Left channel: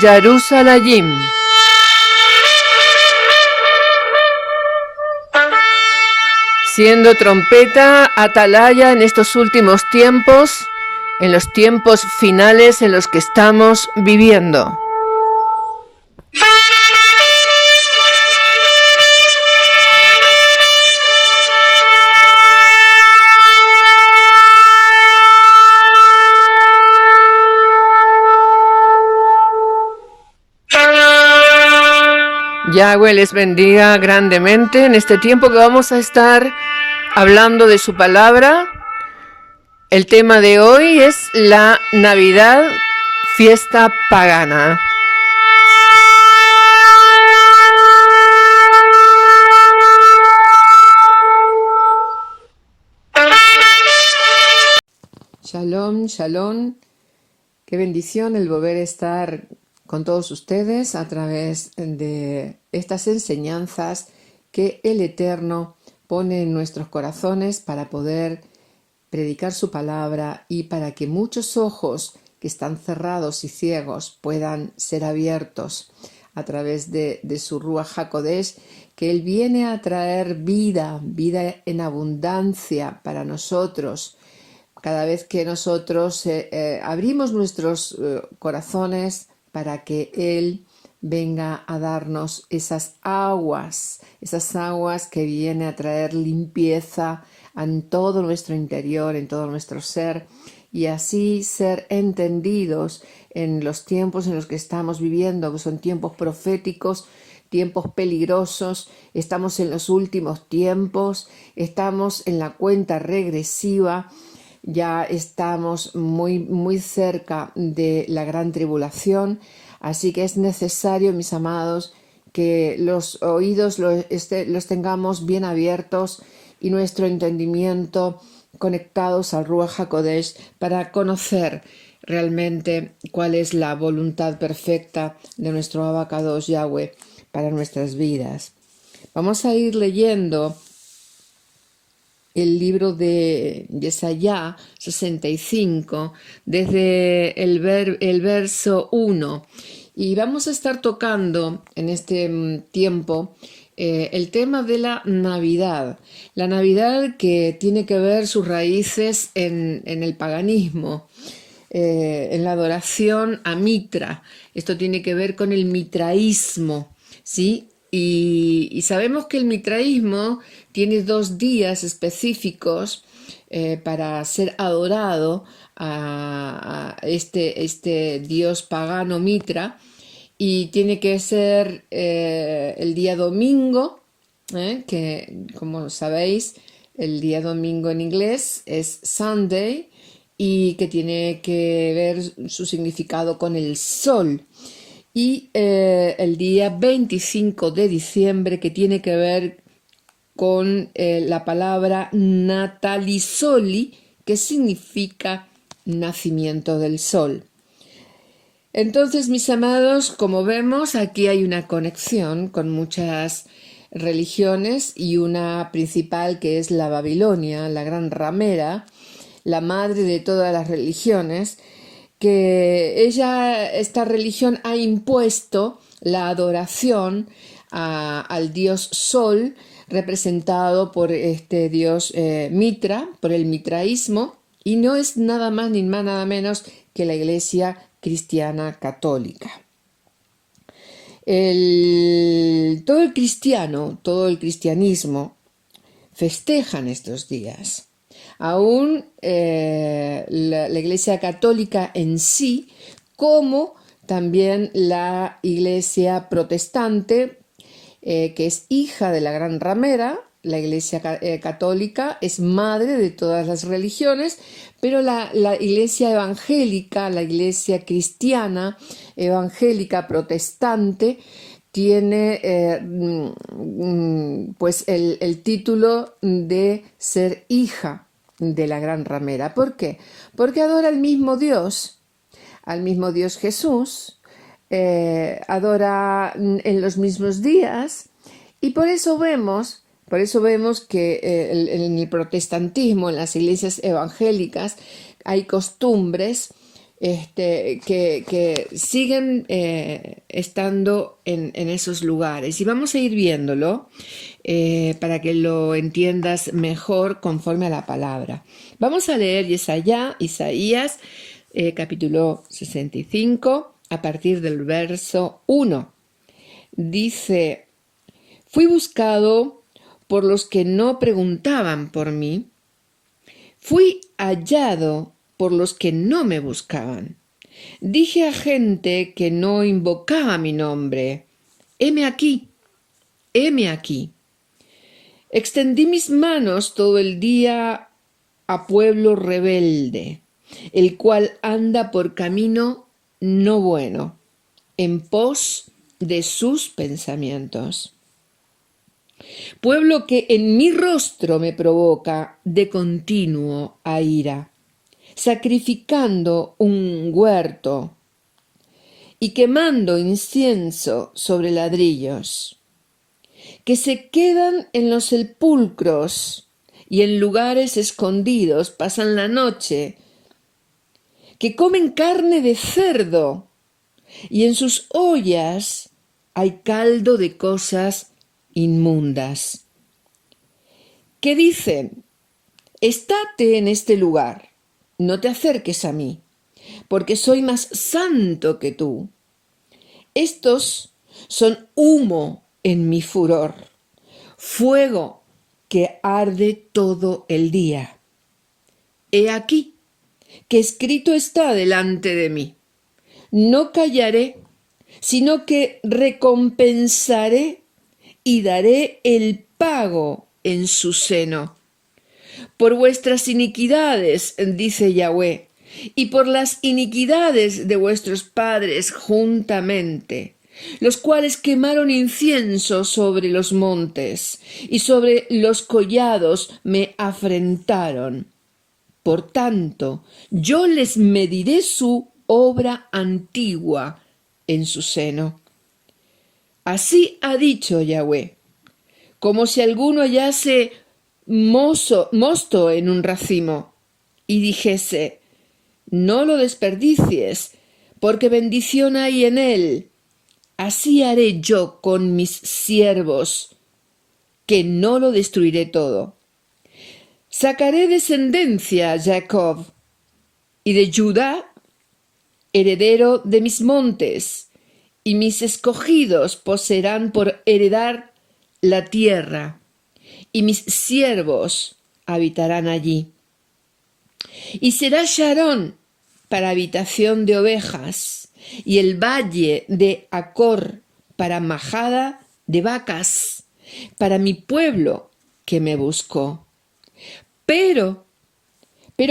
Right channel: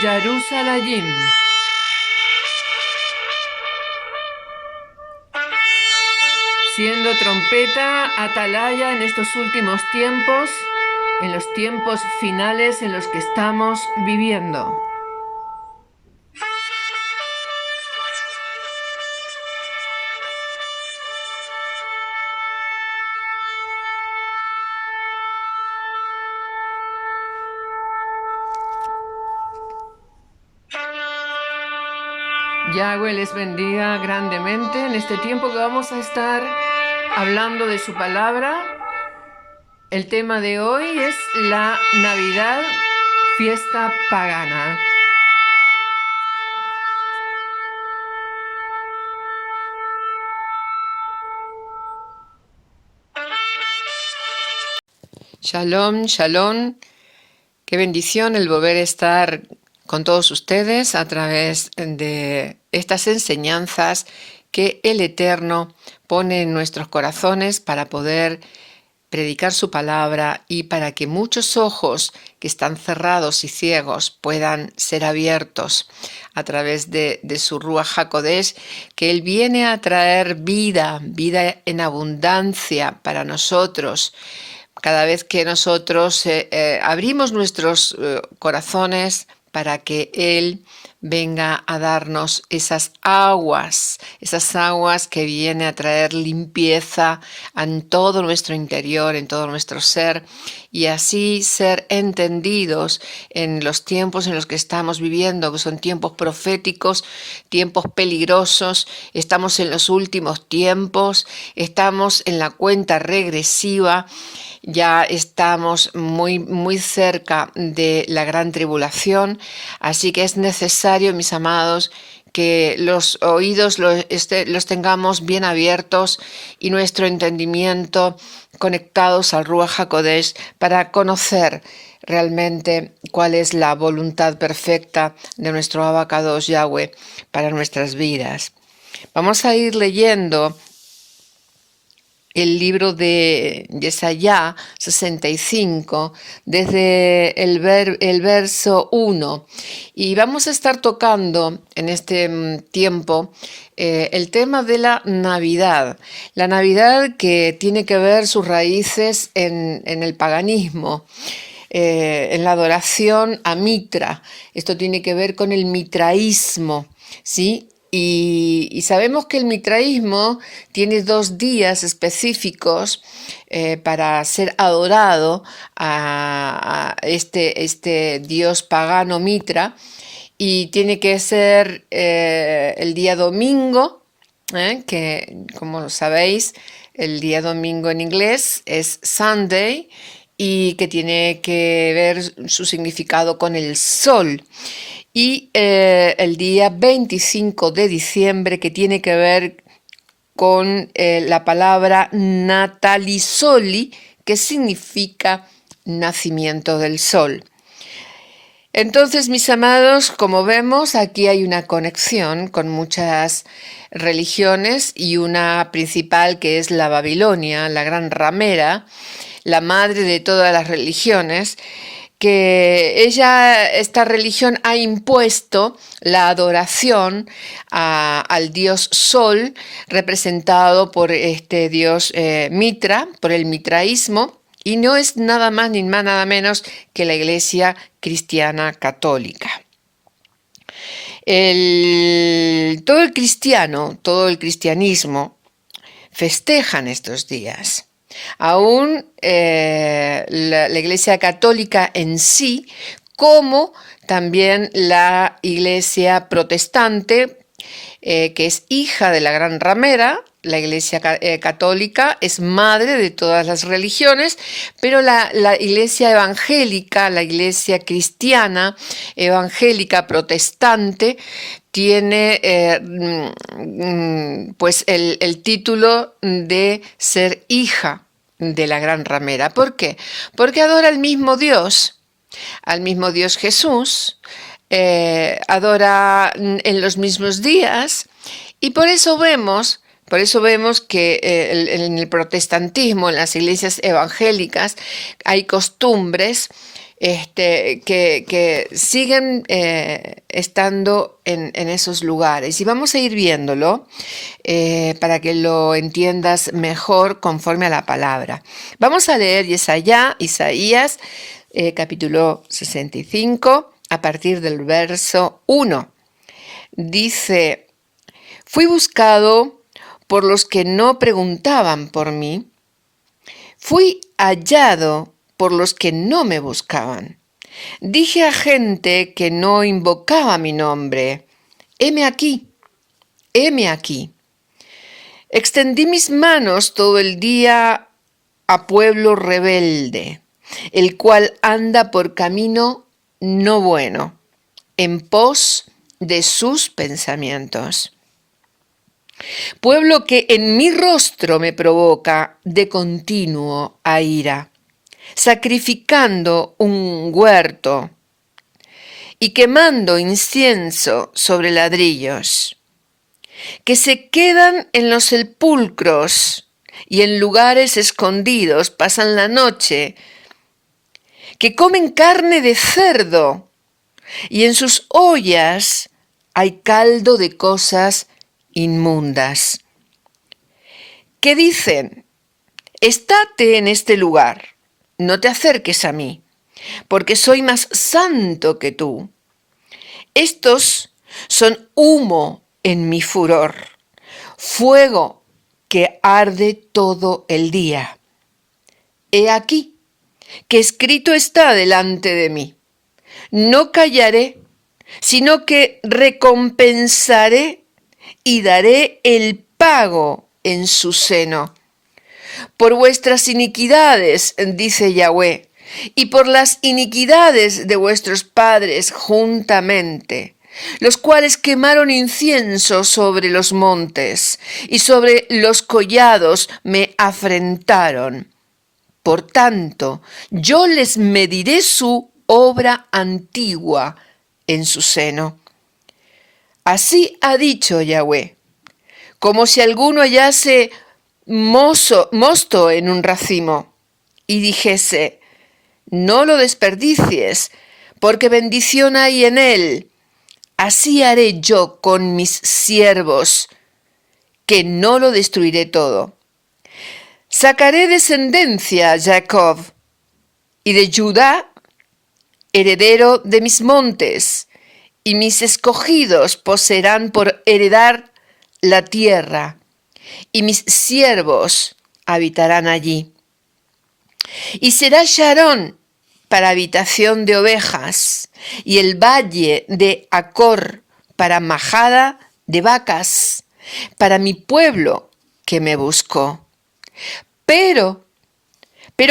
Jerusalem. Siendo trompeta, atalaya en estos últimos tiempos, en los tiempos finales en los que estamos viviendo. Yahweh les bendiga grandemente en este tiempo que vamos a estar hablando de su palabra. El tema de hoy es la Navidad, fiesta pagana. Shalom, shalom. Qué bendición el volver a estar con todos ustedes a través de estas enseñanzas que el Eterno pone en nuestros corazones para poder predicar su palabra y para que muchos ojos que están cerrados y ciegos puedan ser abiertos a través de su Ruach HaKodesh, que Él viene a traer vida en abundancia para nosotros. Cada vez que nosotros abrimos nuestros corazones para que Él venga a darnos esas aguas que vienen a traer limpieza en todo nuestro interior, en todo nuestro ser, y así ser entendidos en los tiempos en los que estamos viviendo, que son tiempos proféticos, tiempos peligrosos. Estamos en los últimos tiempos, estamos en la cuenta regresiva. Ya estamos muy cerca de la gran tribulación, así que es necesario, mis amados, que los oídos los tengamos bien abiertos y nuestro entendimiento conectados al Ruach HaKodesh para conocer realmente cuál es la voluntad perfecta de nuestro Abacados Yahweh para nuestras vidas. Vamos a ir leyendo el libro de Yesaya 65, desde el verso 1. Y vamos a estar tocando en este tiempo el tema de la Navidad. La Navidad que tiene que ver sus raíces en el paganismo, en la adoración a Mitra. Esto tiene que ver con el mitraísmo, ¿sí? Y sabemos que el mitraísmo tiene 2 días específicos para ser adorado a este dios pagano Mitra, y tiene que ser el día domingo, que como sabéis, el día domingo en inglés es Sunday, y que tiene que ver su significado con el sol. Y el día 25 de diciembre, que tiene que ver con la palabra natalisoli, que significa nacimiento del sol. Entonces, mis amados, como vemos, aquí hay una conexión con muchas religiones, y una principal que es la Babilonia, la gran ramera, la madre de todas las religiones, que esta religión ha impuesto la adoración al dios Sol, representado por este dios Mitra, por el mitraísmo, y no es nada más ni nada menos que la Iglesia cristiana católica. Todo el cristianismo festejan estos días. Aún la Iglesia católica en sí, como también la Iglesia protestante, que es hija de la gran ramera. La Iglesia católica es madre de todas las religiones, pero la Iglesia evangélica, la Iglesia cristiana evangélica protestante, tiene pues el título de ser hija de la gran ramera. ¿Por qué? Porque adora al mismo Dios Jesús, adora en los mismos días, y por eso vemos que en el protestantismo, en las iglesias evangélicas, hay costumbres que siguen estando en esos lugares. Y vamos a ir viéndolo para que lo entiendas mejor conforme a la palabra. Vamos a leer Isaías capítulo 65 a partir del verso 1. Dice: fui buscado por los que no preguntaban por mí. Fui hallado por los que no me buscaban. Dije a gente que no invocaba mi nombre: heme aquí, heme aquí. Extendí mis manos todo el día a pueblo rebelde, el cual anda por camino no bueno, en pos de sus pensamientos. Pueblo que en mi rostro me provoca de continuo a ira, sacrificando un huerto y quemando incienso sobre ladrillos, que se quedan en los sepulcros y en lugares escondidos pasan la noche, que comen carne de cerdo y en sus ollas hay caldo de cosas inmundas, que dicen: estate en este lugar, no te acerques a mí, porque soy más santo que tú. Estos son humo en mi furor, fuego que arde todo el día. He aquí que escrito está delante de mí: no callaré, sino que recompensaré y daré el pago en su seno. Por vuestras iniquidades, dice Yahweh, y por las iniquidades de vuestros padres juntamente, los cuales quemaron incienso sobre los montes, y sobre los collados me afrentaron. Por tanto, yo les mediré su obra antigua en su seno. Así ha dicho Yahweh: como si alguno hallase mosto en un racimo y dijese: no lo desperdicies, porque bendición hay en él. Así haré yo con mis siervos, que no lo destruiré todo. Sacaré descendencia a Jacob, y de Judá, heredero de mis montes, y mis escogidos poseerán por heredar la tierra, y mis siervos habitarán allí. Y será Sharón para habitación de ovejas, y el valle de Acor para majada de vacas, para mi pueblo que me buscó. Pero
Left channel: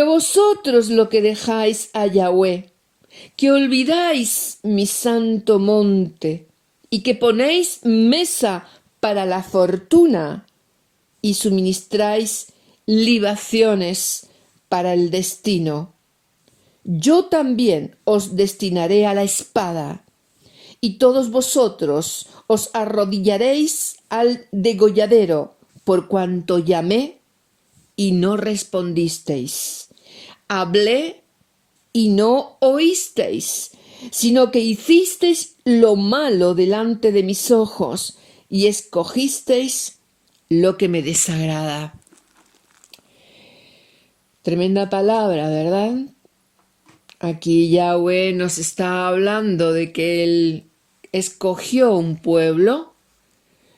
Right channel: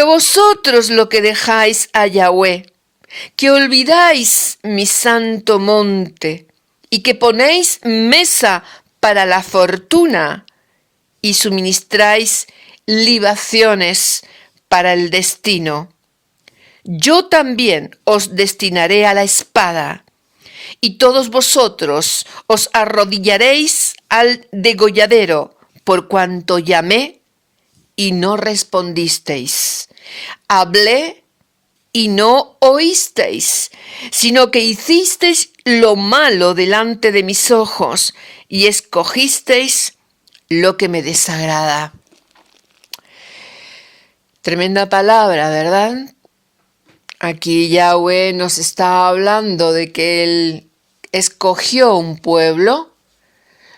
vosotros lo que dejáis a Yahweh, que olvidáis mi santo monte, y que ponéis mesa para la fortuna, y suministráis libaciones para el destino. Yo también os destinaré a la espada, y todos vosotros os arrodillaréis al degolladero, por cuanto llamé y no respondisteis. Hablé y no oísteis, sino que hicisteis lo malo delante de mis ojos y escogisteis lo que me desagrada. Tremenda palabra, ¿verdad? Aquí Yahweh nos está hablando de que Él escogió un pueblo,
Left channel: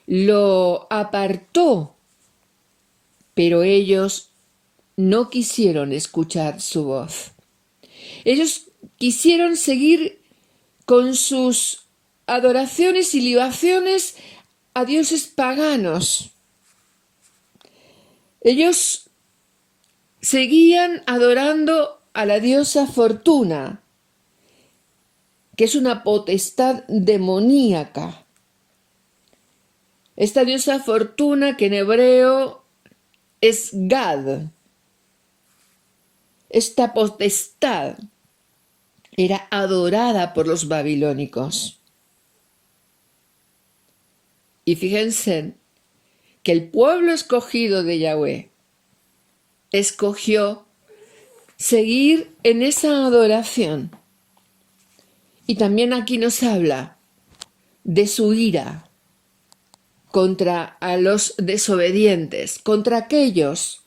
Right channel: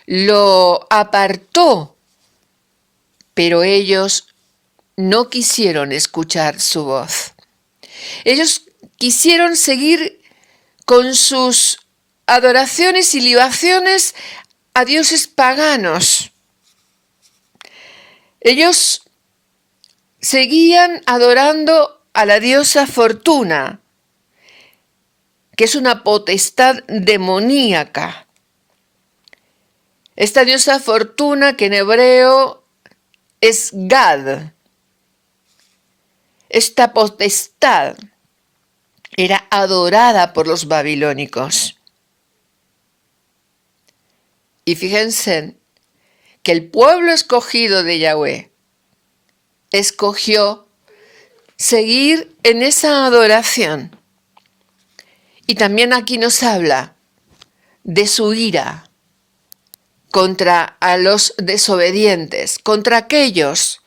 lo apartó, pero ellos no quisieron escuchar su voz. Ellos quisieron seguir con sus adoraciones y libaciones a dioses paganos. Ellos seguían adorando a la diosa Fortuna, que es una potestad demoníaca. Esta diosa Fortuna, que en hebreo es Gad, esta potestad era adorada por los babilónicos. Y fíjense que el pueblo escogido de Yahweh escogió seguir en esa adoración. Y también aquí nos habla de su ira contra a los desobedientes, contra aquellos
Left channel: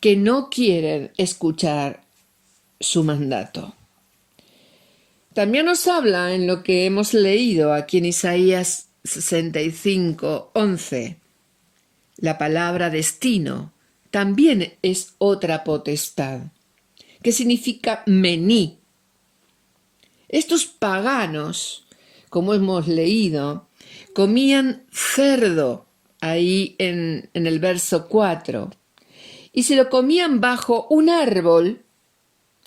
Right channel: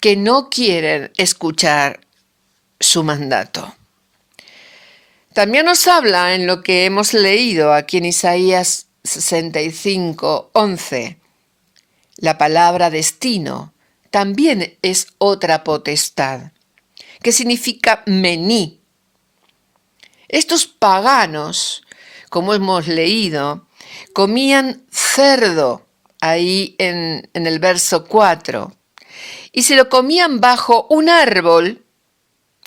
que no quieren escuchar su mandato. También nos habla en lo que hemos leído aquí en Isaías 65:11. La palabra destino también es otra potestad, que significa mení. Estos paganos, como hemos leído, comían cerdo ahí en el verso 4 y se lo comían bajo un árbol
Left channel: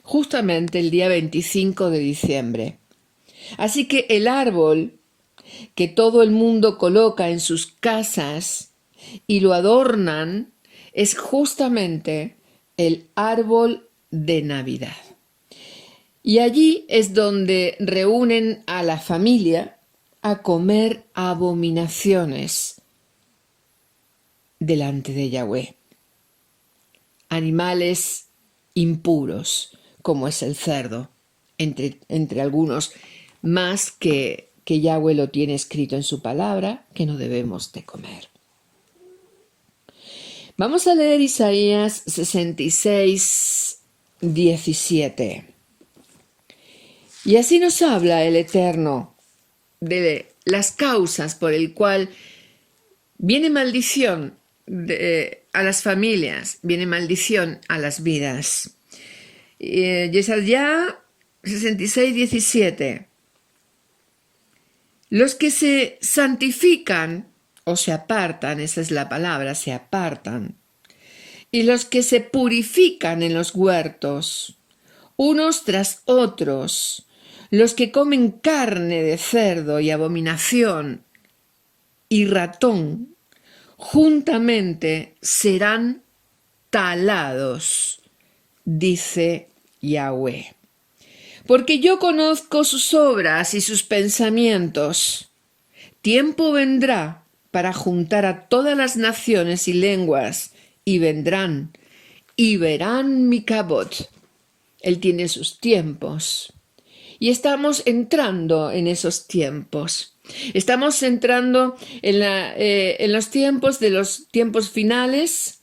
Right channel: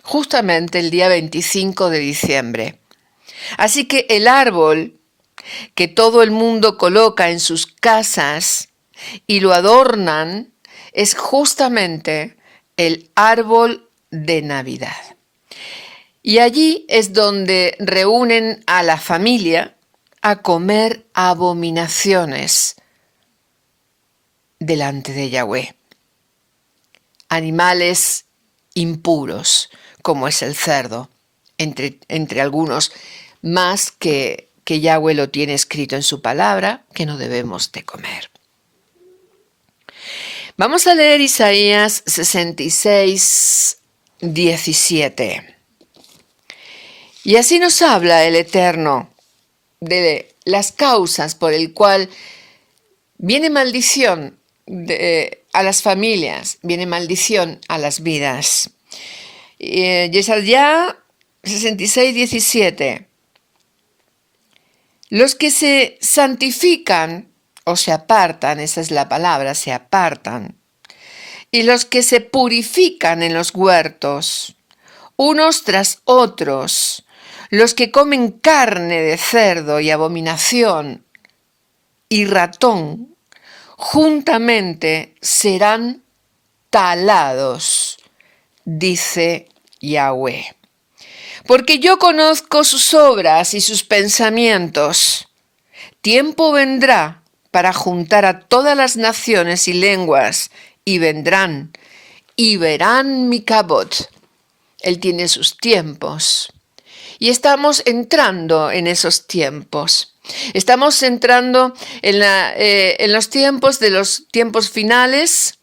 justamente el día 25 de diciembre. Así que el árbol que todo el mundo coloca en sus casas y lo adornan es justamente el árbol de Navidad. Y allí es donde reúnen a la familia a comer abominaciones delante de Yahweh. Animales impuros, como es el cerdo, entre algunos más que Yahweh lo tiene escrito en su palabra, que no debemos de comer. Vamos a leer Isaías 66:17. Y así nos habla el Eterno de las causas por el cual viene maldición a las familias, viene maldición a las vidas. Isaías 66:17. Los que se santifican o se apartan, esa es la palabra, se apartan, y los que se purifican en los huertos, unos tras otros, los que comen carne de cerdo y abominación y ratón, juntamente serán talados, dice Yahweh. Porque yo conozco sus obras y sus pensamientos. Tiempo vendrá para juntar a todas las naciones y lenguas, y vendrán y verán mi kabod. Él tiene sus tiempos. Y estamos entrando en esos tiempos. Estamos entrando en los tiempos finales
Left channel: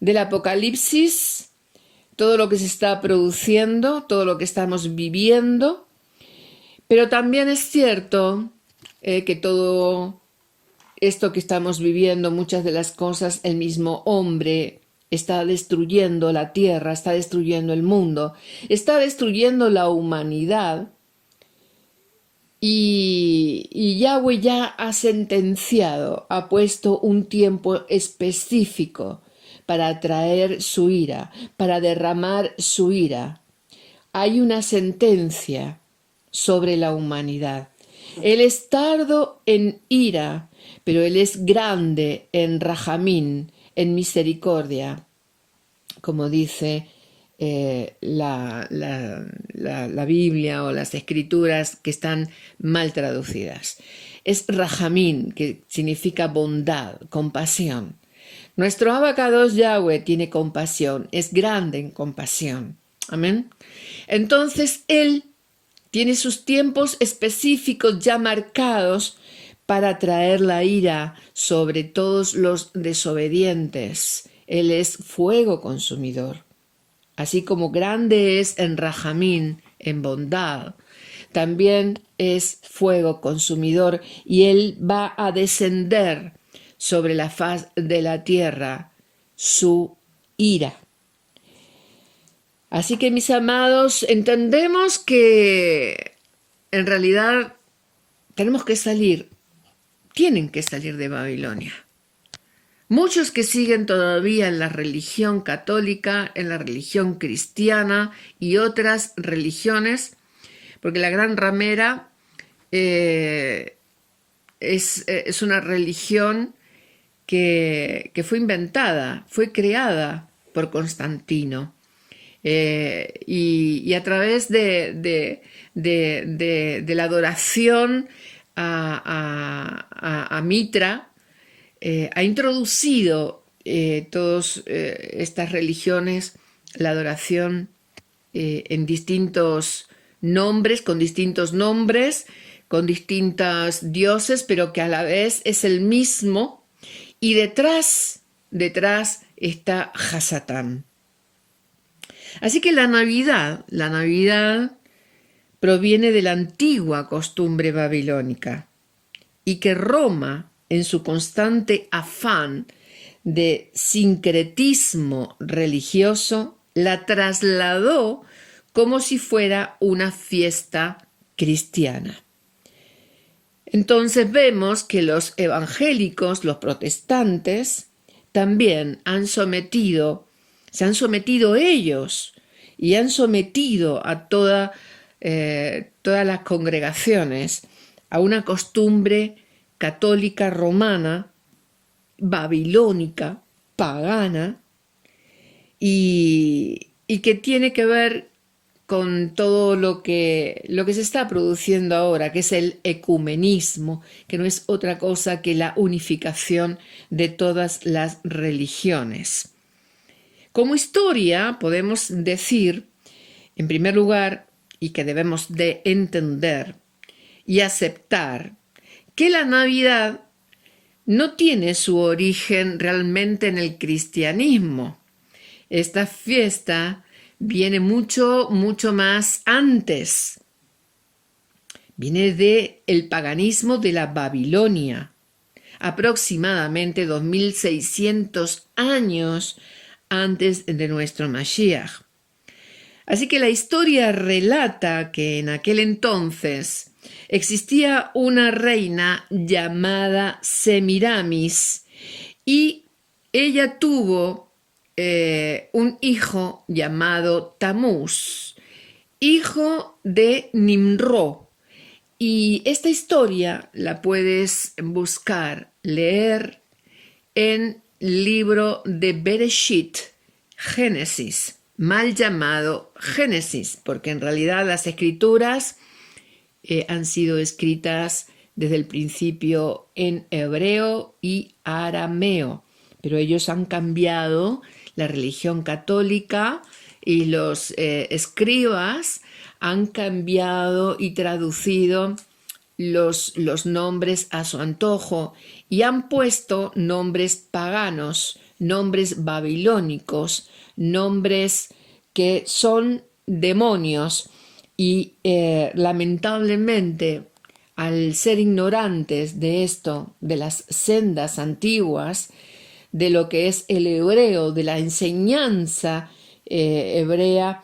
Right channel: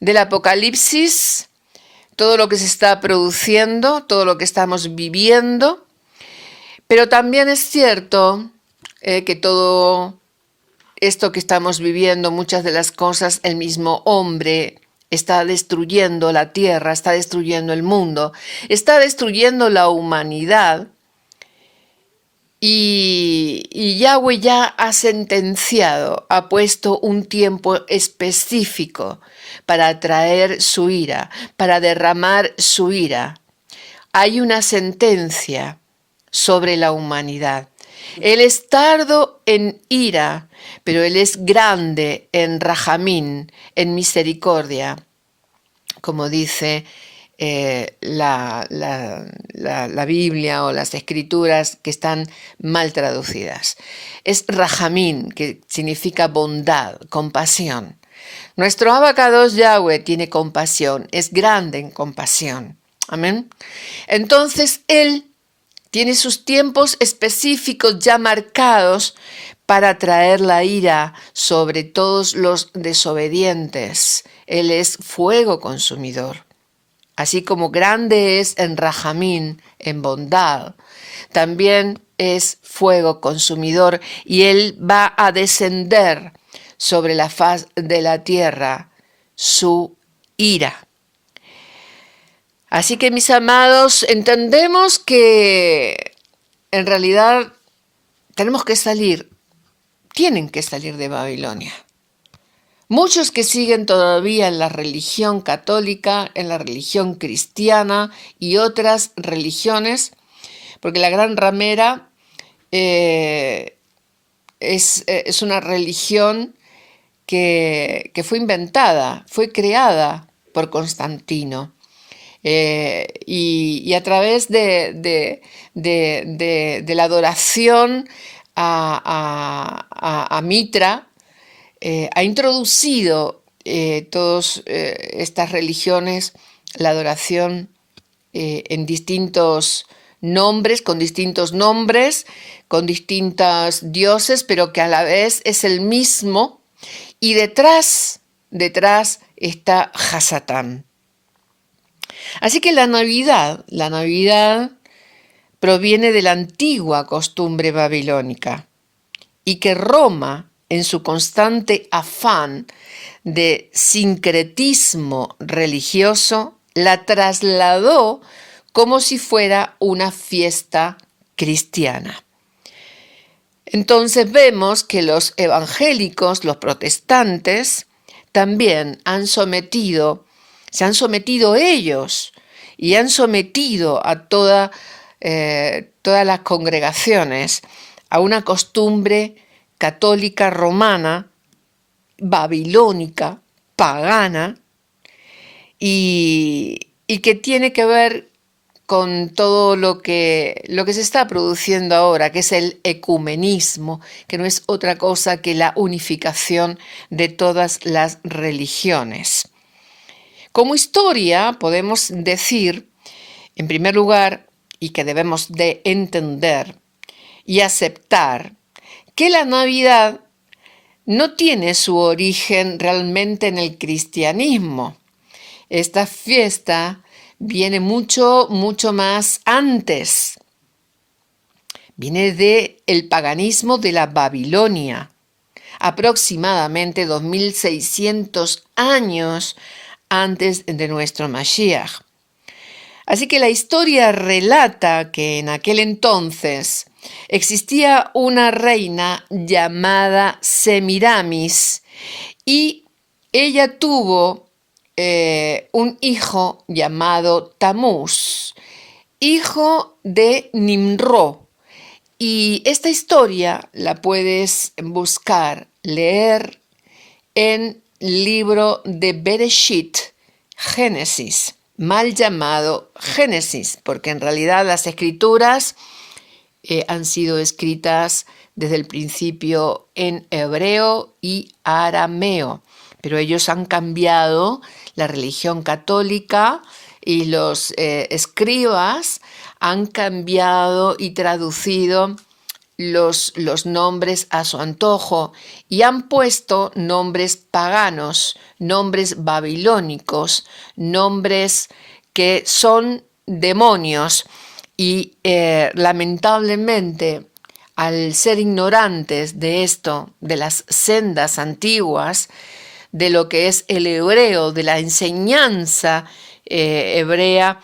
del Apocalipsis, todo lo que se está produciendo, todo lo que estamos viviendo. Pero también es cierto que todo esto que estamos viviendo, muchas de las cosas, el mismo hombre está destruyendo la tierra, está destruyendo el mundo, está destruyendo la humanidad. Y Yahweh ya ha sentenciado, ha puesto un tiempo específico para traer su ira, para derramar su ira. Hay una sentencia sobre la humanidad. Él es tardo en ira, pero Él es grande en rajamín, en misericordia, como dice la Biblia o las escrituras que están mal traducidas. Es rajamín, que significa bondad, compasión. Nuestro Abacados Yahweh tiene compasión, es grande en compasión. Amén. Entonces Él tiene sus tiempos específicos ya marcados para traer la ira sobre todos los desobedientes. Él es fuego consumidor. Así como grande es en rajamín, en bondad, también es fuego consumidor y Él va a descender sobre la faz de la tierra su ira. Así que, mis amados, entendemos que en realidad tenemos que salir, tienen que salir de Babilonia. Muchos que siguen todavía en la religión católica, en la religión cristiana y otras religiones, porque la gran ramera es una religión que fue inventada, fue creada por Constantino. Y a través de la adoración a Mitra, ha introducido todas estas religiones la adoración en distintos nombres, con distintos nombres, con distintos dioses, pero que a la vez es el mismo. Y detrás está Hasatán. Así que la Navidad proviene de la antigua costumbre babilónica y que Roma, en su constante afán de sincretismo religioso, la trasladó como si fuera una fiesta cristiana. Entonces vemos que los evangélicos, los protestantes, también se han sometido ellos y han sometido a todas las congregaciones a una costumbre católica romana, babilónica, pagana, y que tiene que ver con todo lo que se está produciendo ahora, que es el ecumenismo, que no es otra cosa que la unificación de todas las religiones. Como historia podemos decir, en primer lugar, y que debemos de entender y aceptar, que la Navidad no tiene su origen realmente en el cristianismo. Esta fiesta viene mucho más antes. Viene del paganismo de la Babilonia, aproximadamente 2600 años antes de nuestro Mashiach. Así que la historia relata que en aquel entonces existía una reina llamada Semiramis y ella tuvo un hijo llamado Tamuz, hijo de Nimrod. Y esta historia la puedes buscar, leer en el libro de Bereshit, Génesis, mal llamado Génesis, porque en realidad las escrituras han sido escritas desde el principio en hebreo y arameo, pero ellos han cambiado la religión católica y los escribas han cambiado y traducido los nombres a su antojo y han puesto nombres paganos, nombres babilónicos, nombres que son demonios y lamentablemente al ser ignorantes de esto, de las sendas antiguas, de lo que es el hebreo, de la enseñanza hebrea,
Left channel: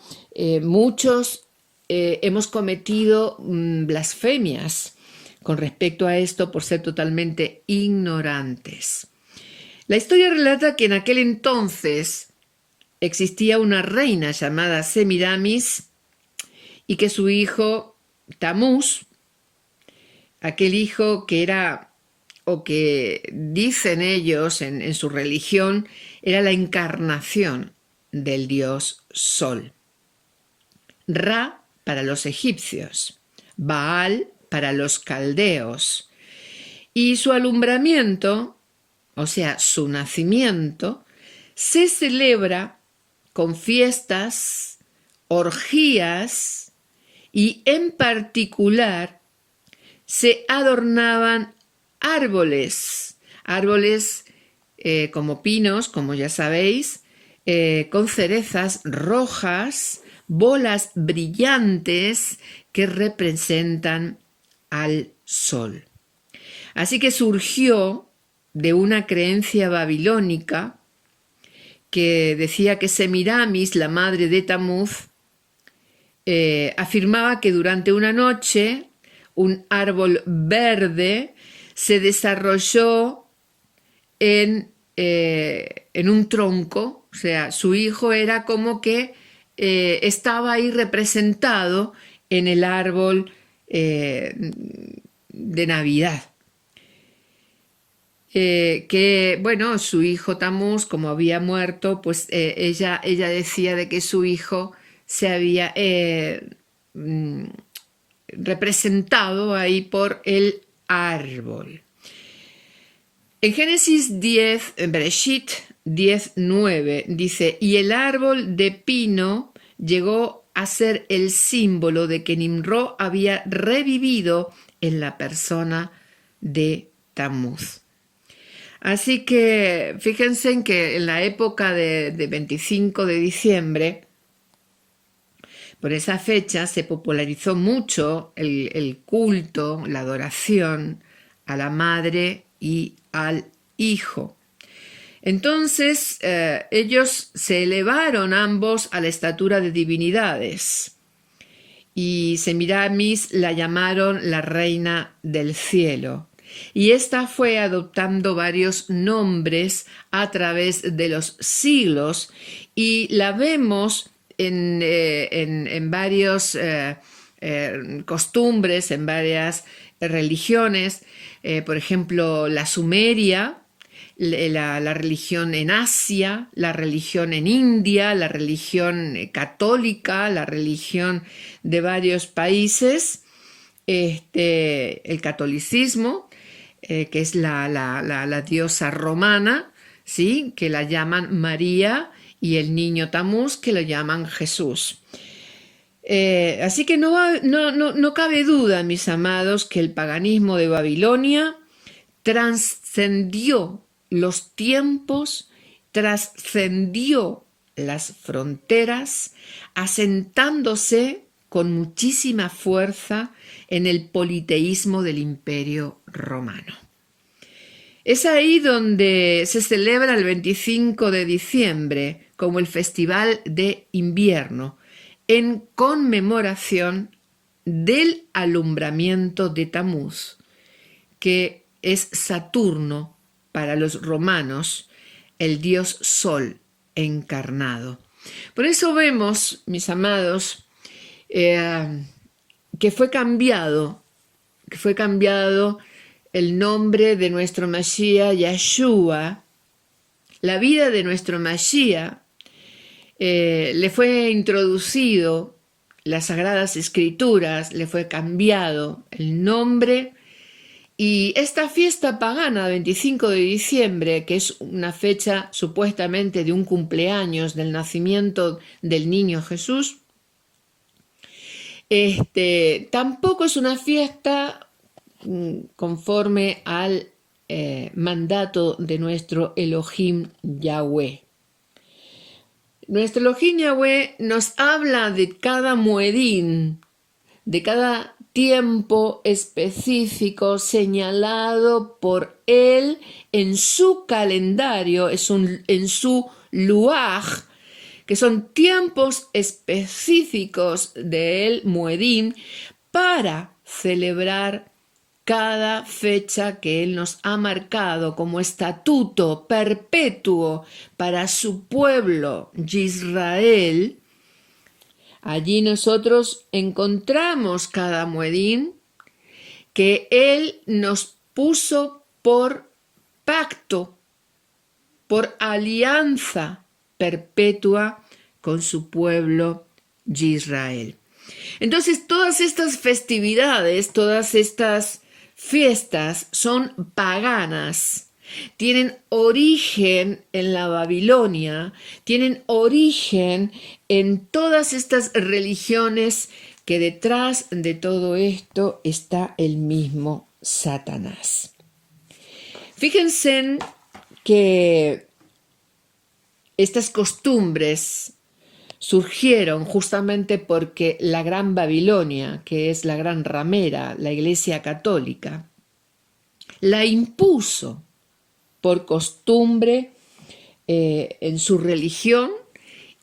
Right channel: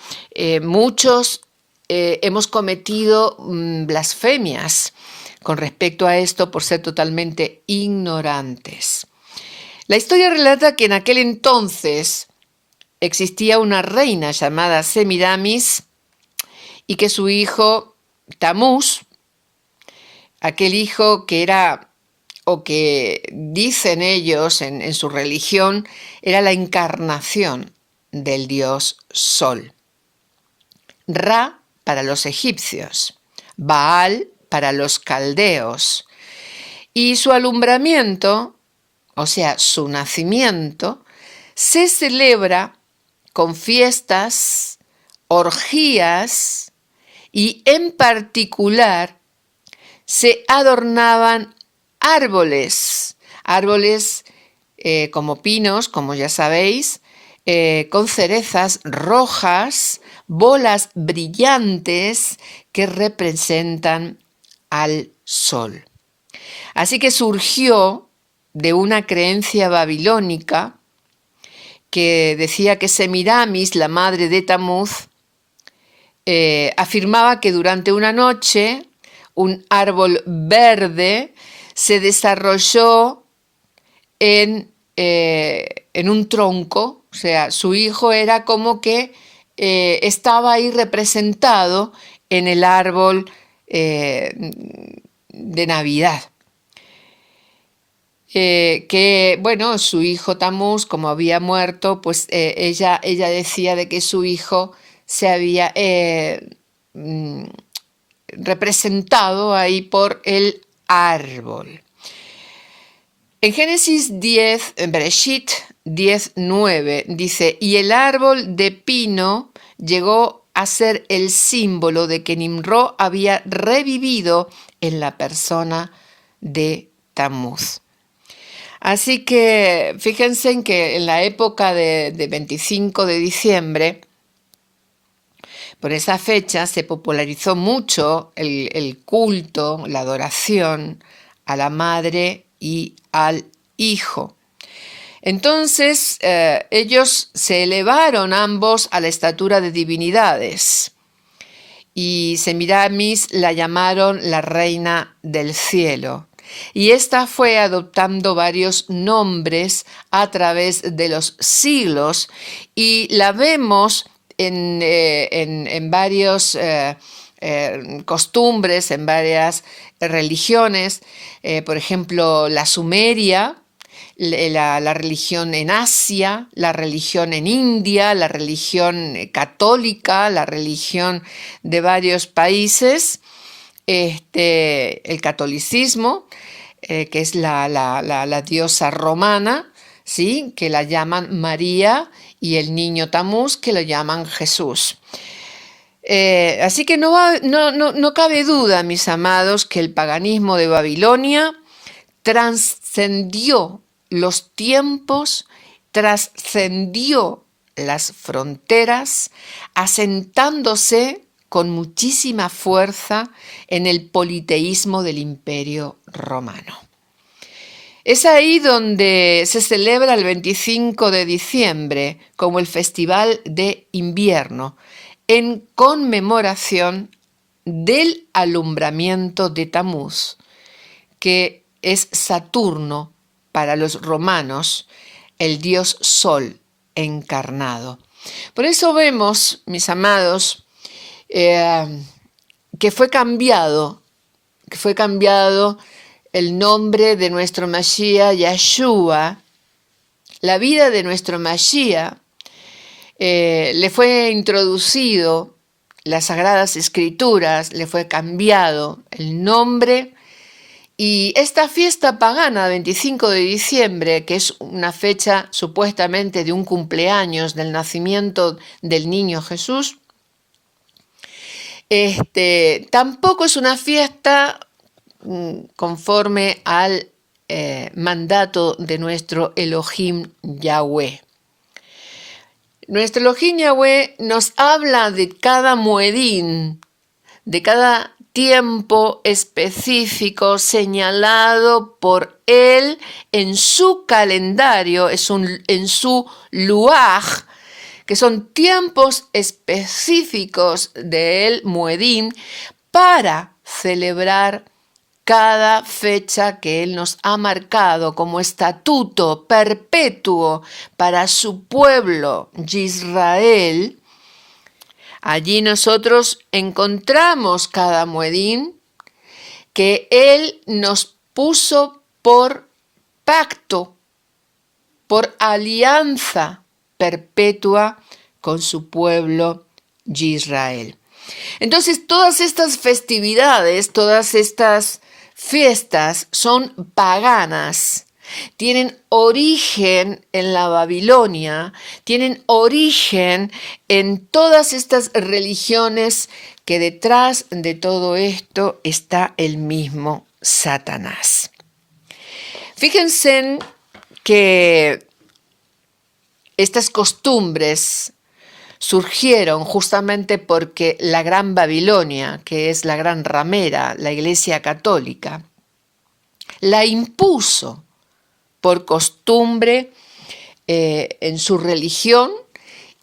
muchos hemos cometido blasfemias con respecto a esto por ser totalmente ignorantes. La historia relata que en aquel entonces existía una reina llamada Semiramis y que su hijo Tamuz, aquel hijo que era, o que dicen ellos en su religión, era la encarnación del dios Sol. Ra para los egipcios, Baal para los caldeos, y su alumbramiento, o sea, su nacimiento, se celebra con fiestas, orgías y en particular se adornaban árboles como pinos, como ya sabéis, con cerezas rojas, bolas brillantes que representan al sol. Así que surgió de una creencia babilónica que decía que Semiramis, la madre de Tamuz, afirmaba que durante una noche un árbol verde se desarrolló en un tronco, o sea, su hijo era como que estaba ahí representado en el árbol de Navidad. Que bueno, su hijo Tamuz, como había muerto, pues ella decía de que su hijo se había representado ahí por el árbol. En Génesis 10, en Bereshit 10:9 dice: y el árbol de pino llegó a ser el símbolo de que Nimrod había revivido en la persona de Tammuz. Así que fíjense en que en la época de 25 de diciembre, por esa fecha se popularizó mucho el culto, la adoración a la madre y al hijo. Entonces ellos se elevaron ambos a la estatura de divinidades y Semiramis la llamaron la reina del cielo. Y esta fue adoptando varios nombres a través de los siglos y la vemos en varios costumbres, en varias religiones, por ejemplo, la Sumeria, la religión en Asia, la religión en India, la religión católica, la religión de varios países, el catolicismo, que es la diosa romana, ¿sí? Que la llaman María, y el niño Tammuz, que lo llaman Jesús. Así que no cabe duda, mis amados, que el paganismo de Babilonia trascendió los tiempos, trascendió las fronteras, asentándose con muchísima fuerza en el politeísmo del Imperio Romano. Es ahí donde se celebra el 25 de diciembre como el Festival de Invierno, en conmemoración del alumbramiento de Tammuz, que es Saturno para los romanos, el dios Sol encarnado. Por eso vemos, mis amados, que fue cambiado el nombre de nuestro Mashiach, Yeshua. La vida de nuestro Mashiach le fue introducido las Sagradas Escrituras, le fue cambiado el nombre. Y esta fiesta pagana, 25 de diciembre, que es una fecha supuestamente de un cumpleaños del nacimiento del niño Jesús, tampoco es una fiesta conforme al mandato de nuestro Elohim Yahweh. Nuestro Elohim Yahweh nos habla de cada muedín, de cada tiempo específico señalado por él en su calendario, en su luaj, que son tiempos específicos del muedín para celebrar cada fecha que él nos ha marcado como estatuto perpetuo para su pueblo Israel. Allí nosotros encontramos cada muedín que él nos puso por pacto, por alianza perpetua con su pueblo Israel. Entonces, todas estas festividades, todas estas fiestas son paganas. Tienen origen en la Babilonia, tienen origen en todas estas religiones que detrás de todo esto está el mismo Satanás. Fíjense que estas costumbres surgieron justamente porque la Gran Babilonia, que es la gran ramera, la Iglesia Católica, la impuso por costumbre en su religión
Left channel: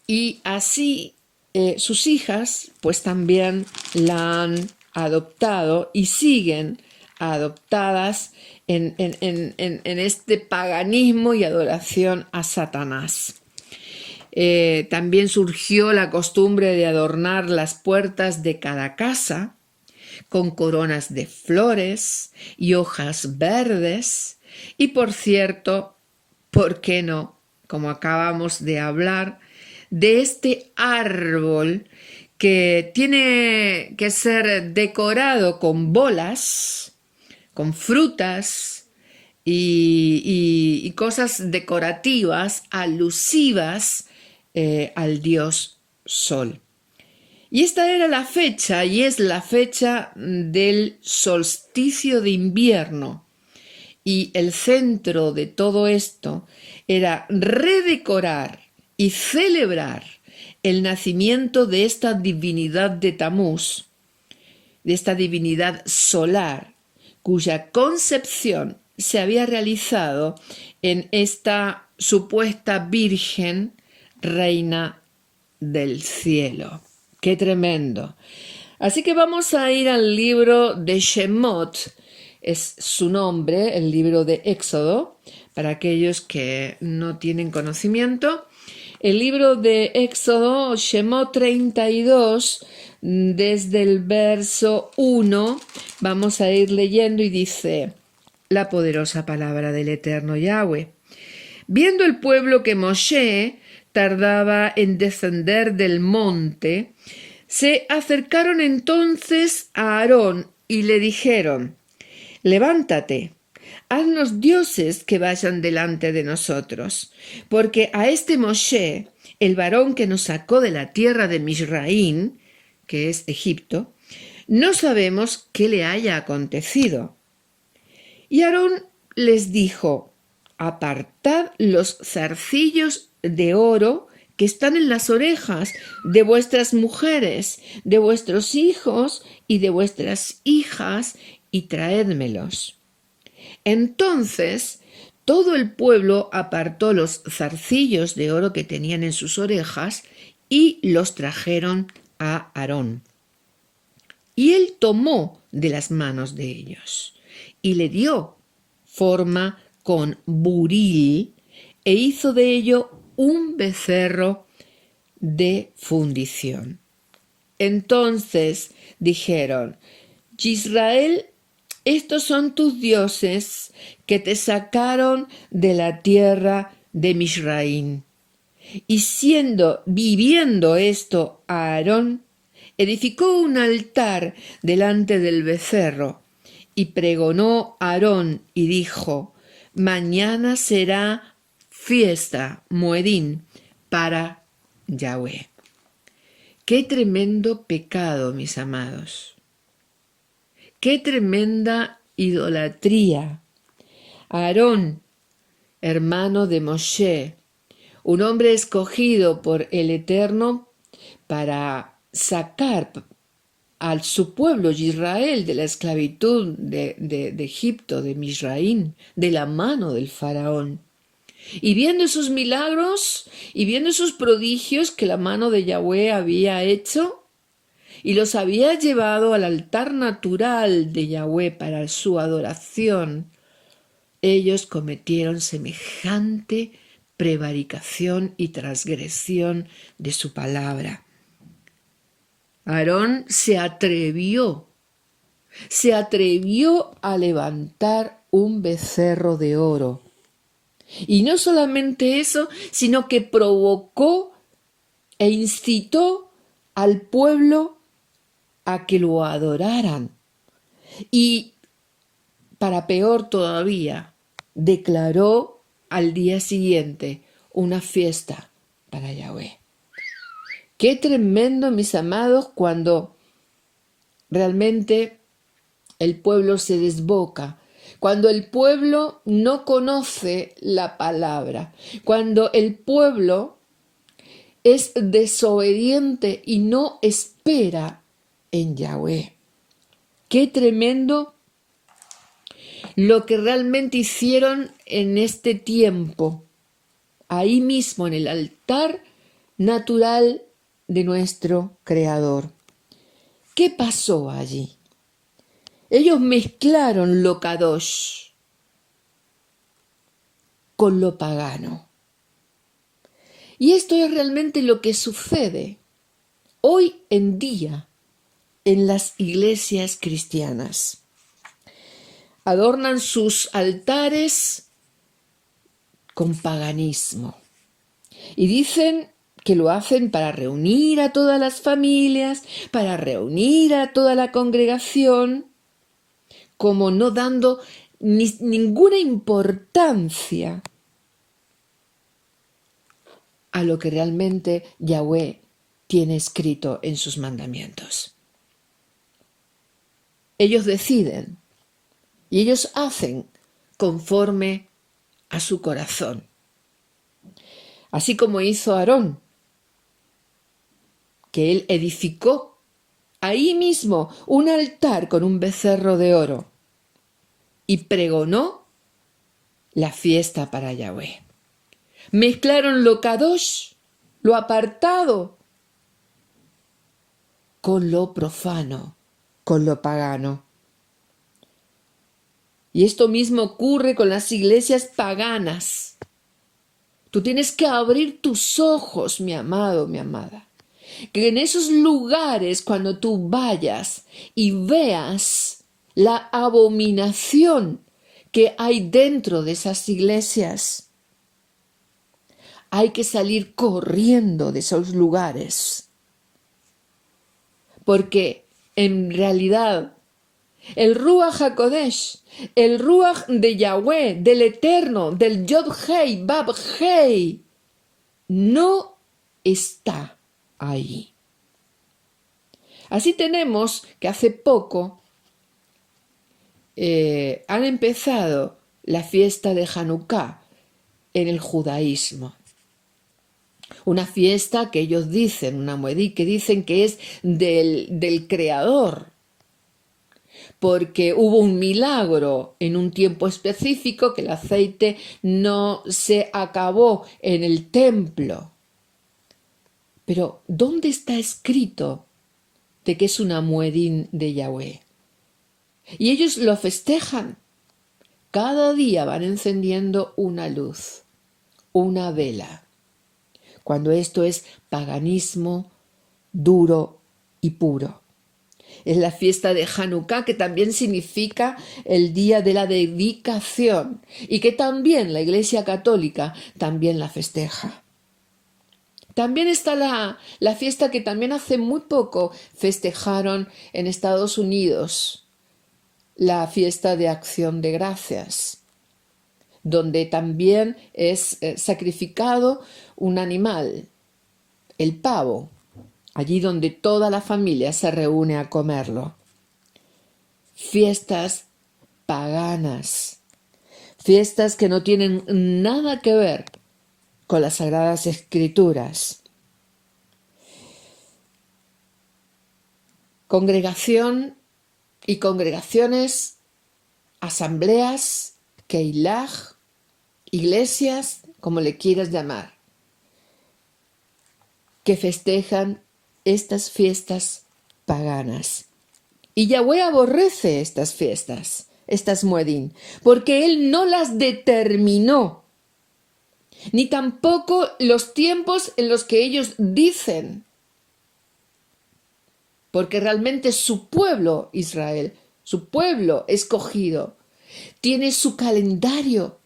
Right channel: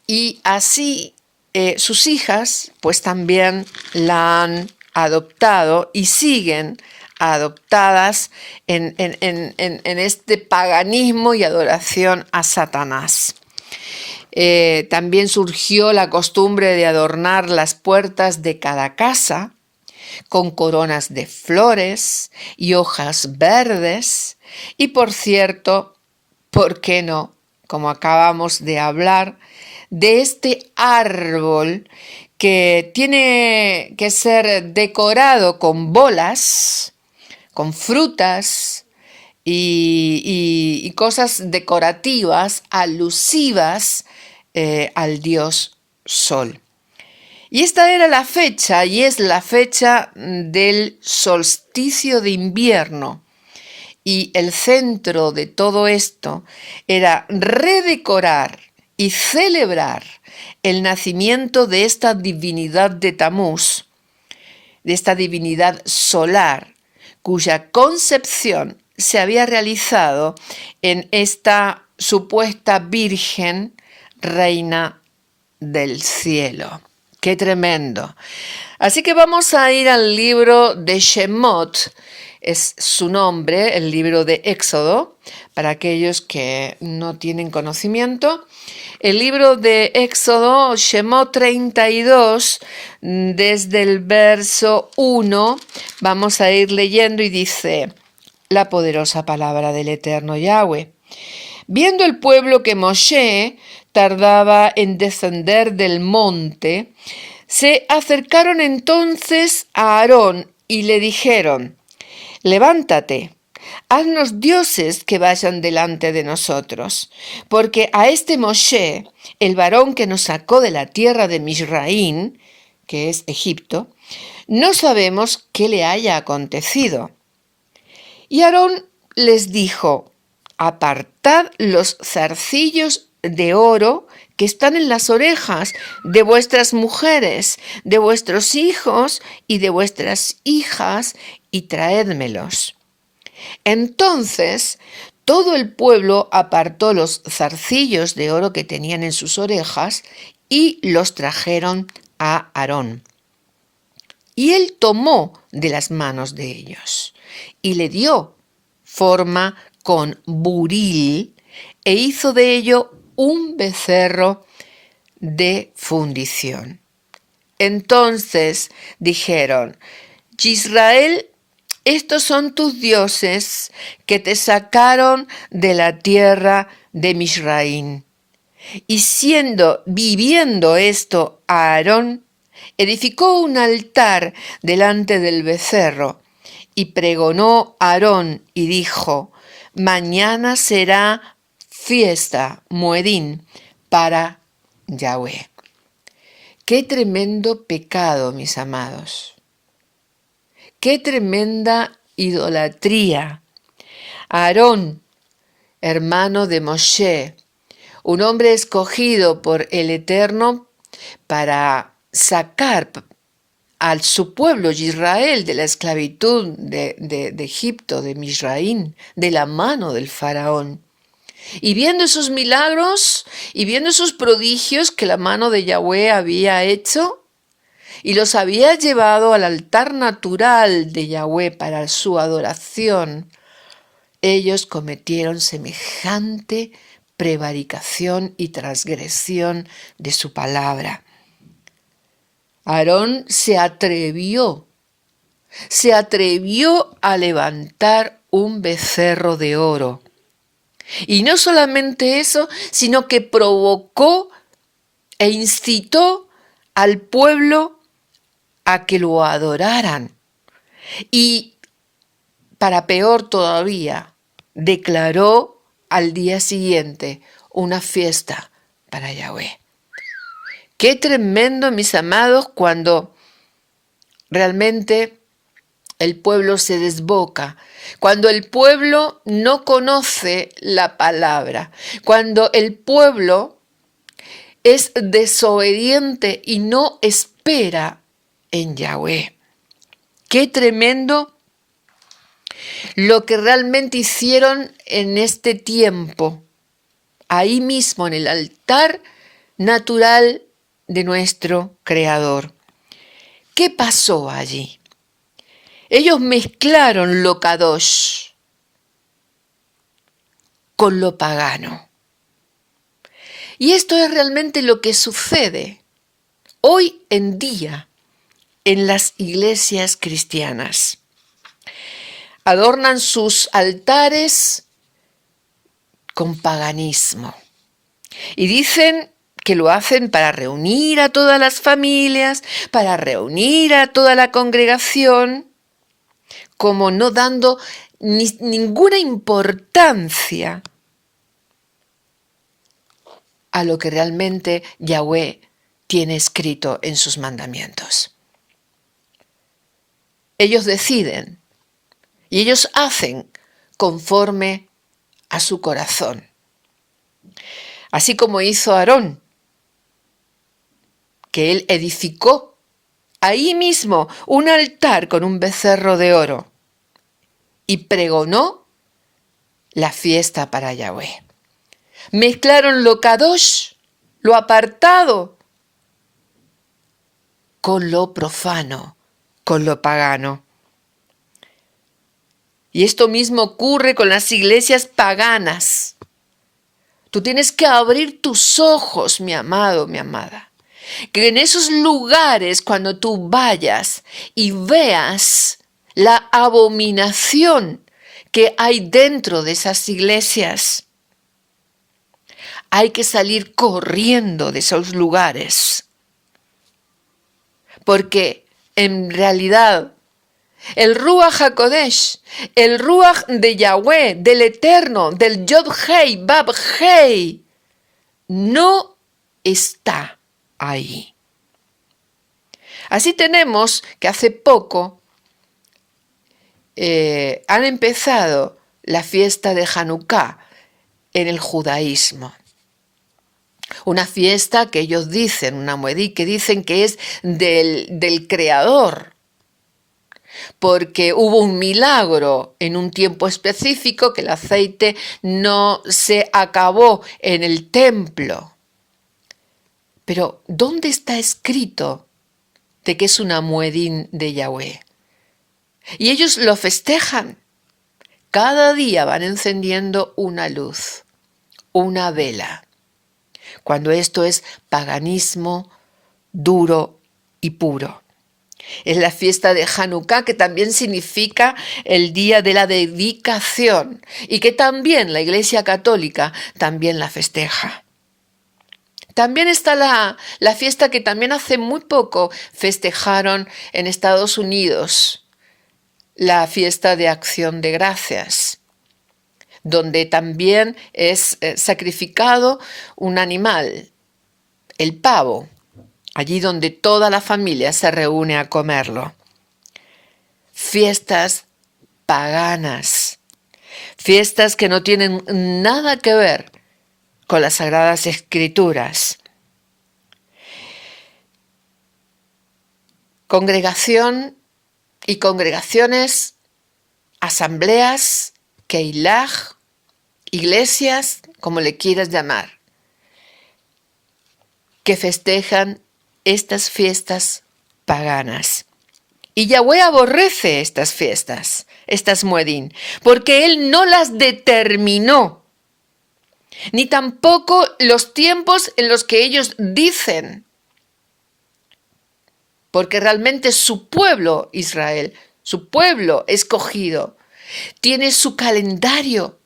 y así sus hijas pues también la han adoptado y siguen adoptadas en este paganismo y adoración a Satanás. También surgió la costumbre de adornar las puertas de cada casa con coronas de flores y hojas verdes. Y por cierto, ¿por qué no? Como acabamos de hablar, de este árbol que tiene que ser decorado con bolas, con frutas y cosas decorativas, alusivas al dios Sol. Y esta era la fecha, y es la fecha del solsticio de invierno. Y el centro de todo esto era redecorar y celebrar el nacimiento de esta divinidad de Tamuz, de esta divinidad solar, cuya concepción se había realizado en esta supuesta Virgen Reina del Cielo. ¡Qué tremendo! Así que vamos a ir al libro de Shemot, es su nombre, el libro de Éxodo, para aquellos que no tienen conocimiento. El libro de Éxodo, Shemot 32, desde el verso 1, vamos a ir leyendo y dice la poderosa palabra del Eterno Yahweh. Viendo el pueblo que Moshe tardaba en descender del monte, se acercaron entonces a Aarón y le dijeron: levántate, haznos dioses que vayan delante de nosotros, porque a este Moshe, el varón que nos sacó de la tierra de Misraín, que es Egipto, no sabemos qué le haya acontecido. Y Aarón les dijo: apartad los zarcillos de oro que están en las orejas de vuestras mujeres, de vuestros hijos y de vuestras hijas, y traédmelos. Entonces todo el pueblo apartó los zarcillos de oro que tenían en sus orejas y los trajeron a Aarón. Y él tomó de las manos de ellos y le dio forma con buril e hizo de ello un becerro de fundición. Entonces dijeron: Israel, estos son tus dioses que te sacaron de la tierra de Misraín. Y viviendo esto, Aarón edificó un altar delante del becerro y pregonó Aarón y dijo: mañana será fiesta, Moedín, para Yahweh. Qué tremendo pecado, mis amados. Qué tremenda idolatría. Aarón, hermano de Moshe, un hombre escogido por el Eterno para sacar a su pueblo Israel de la esclavitud de Egipto, de Misraín, de la mano del faraón. Y viendo esos milagros y viendo esos prodigios que la mano de Yahweh había hecho y los había llevado al altar natural de Yahweh para su adoración, ellos cometieron semejante prevaricación y transgresión de su palabra. Aarón se atrevió a levantar un becerro de oro. Y no solamente eso, sino que provocó e incitó al pueblo a que lo adoraran. Y, para peor todavía, declaró al día siguiente una fiesta para Yahweh. Qué tremendo, mis amados, cuando realmente el pueblo se desboca, cuando el pueblo no conoce la palabra, cuando el pueblo es desobediente y no espera en Yahweh. Qué tremendo lo que realmente hicieron en este tiempo, ahí mismo en el altar natural de nuestro Creador. ¿Qué pasó allí? Ellos mezclaron lo kadosh con lo pagano. Y esto es realmente lo que sucede hoy en día en las iglesias cristianas. Adornan sus altares con paganismo y dicen que lo hacen para reunir a todas las familias, para reunir a toda la congregación, como no dando ninguna importancia a lo que realmente Yahweh tiene escrito en sus mandamientos. Ellos deciden y ellos hacen conforme a su corazón. Así como hizo Aarón, que él edificó ahí mismo un altar con un becerro de oro y pregonó la fiesta para Yahweh. Mezclaron lo kadosh, lo apartado, con lo profano, con lo pagano. Y esto mismo ocurre con las iglesias paganas. Tú tienes que abrir tus ojos, mi amado, mi amada, que en esos lugares cuando tú vayas y veas la abominación que hay dentro de esas iglesias, hay que salir corriendo de esos lugares, porque en realidad el Ruach HaKodesh, el Ruach de Yahweh, del Eterno, del Yod Hei, Bab Hei, no está ahí. Así tenemos que hace poco han empezado la fiesta de Hanukkah en el judaísmo. Una fiesta que ellos dicen, una muedí, que dicen que es del Creador, porque hubo un milagro en un tiempo específico que el aceite no se acabó en el templo. Pero, ¿dónde está escrito de que es una muedín de Yahweh? Y ellos lo festejan. Cada día van encendiendo una luz, una vela, cuando esto es paganismo duro y puro. Es la fiesta de Hanukkah, que también significa el día de la dedicación y que también la Iglesia Católica también la festeja. También está la fiesta que también hace muy poco festejaron en Estados Unidos, la fiesta de Acción de Gracias, donde también es sacrificado un animal, el pavo, allí donde toda la familia se reúne a comerlo. Fiestas paganas, fiestas que no tienen nada que ver con las Sagradas Escrituras. Congregación y congregaciones, asambleas, keilaj, iglesias, como le quieras llamar, que festejan estas fiestas paganas. Y Yahweh aborrece estas fiestas, estas muedín, porque Él no las determinó, ni tampoco los tiempos en los que ellos dicen, porque realmente su pueblo Israel, su pueblo escogido, tiene su calendario,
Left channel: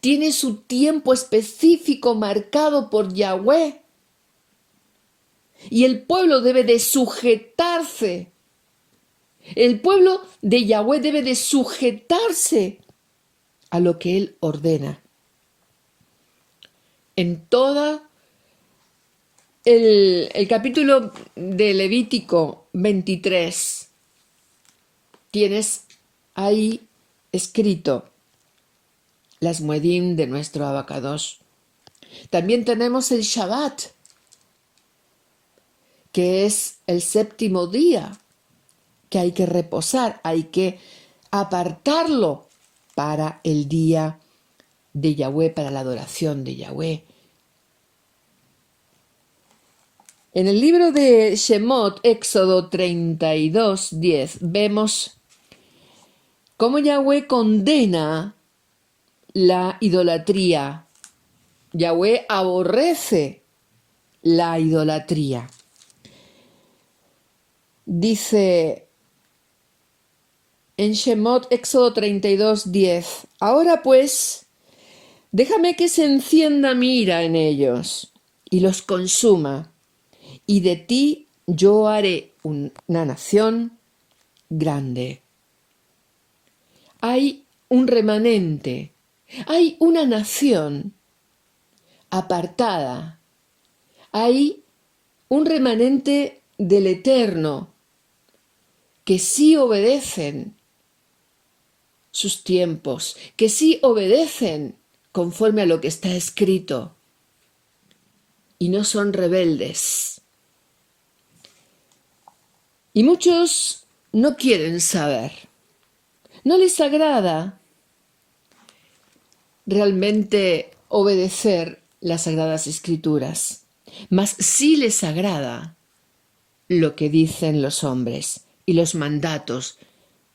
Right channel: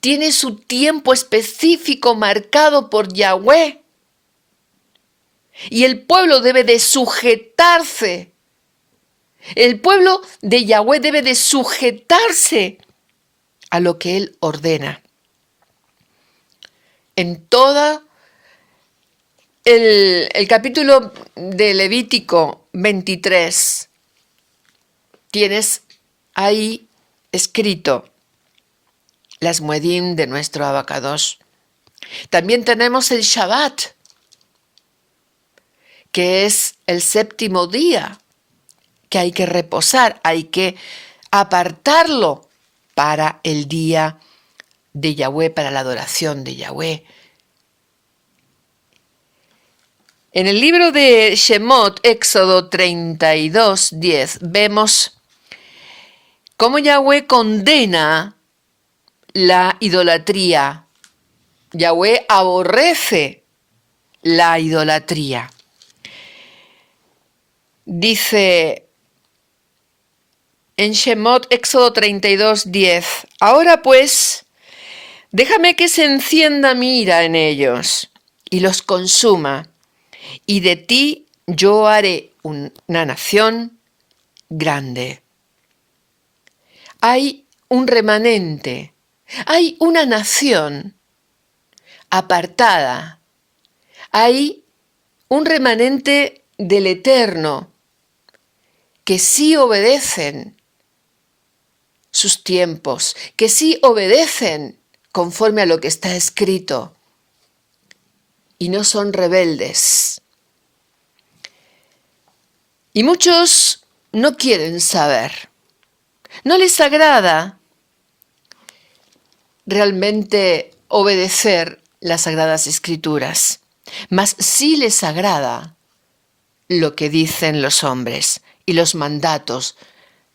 tiene su tiempo específico marcado por Yahweh. Y el pueblo debe de sujetarse. El pueblo de Yahweh debe de sujetarse a lo que Él ordena. En todo el capítulo de Levítico 23 tienes ahí escrito las muedín de nuestro abacados. También tenemos el Shabbat, que es el séptimo día, que hay que reposar, hay que apartarlo para el día de Yahweh, para la adoración de Yahweh. En el libro de Shemot, Éxodo 32:10, vemos cómo Yahweh condena la idolatría. Yahweh aborrece la idolatría. Dice en Shemot, Éxodo 32:10, ahora pues, déjame que se encienda mi ira en ellos y los consuma, y de ti yo haré una nación grande. Hay un remanente, hay una nación apartada, hay un remanente del Eterno, que sí obedecen sus tiempos, que sí obedecen conforme a lo que está escrito y no son rebeldes. Y muchos no quieren saber, no les agrada realmente obedecer las Sagradas Escrituras, mas sí les agrada lo que dicen los hombres y los mandatos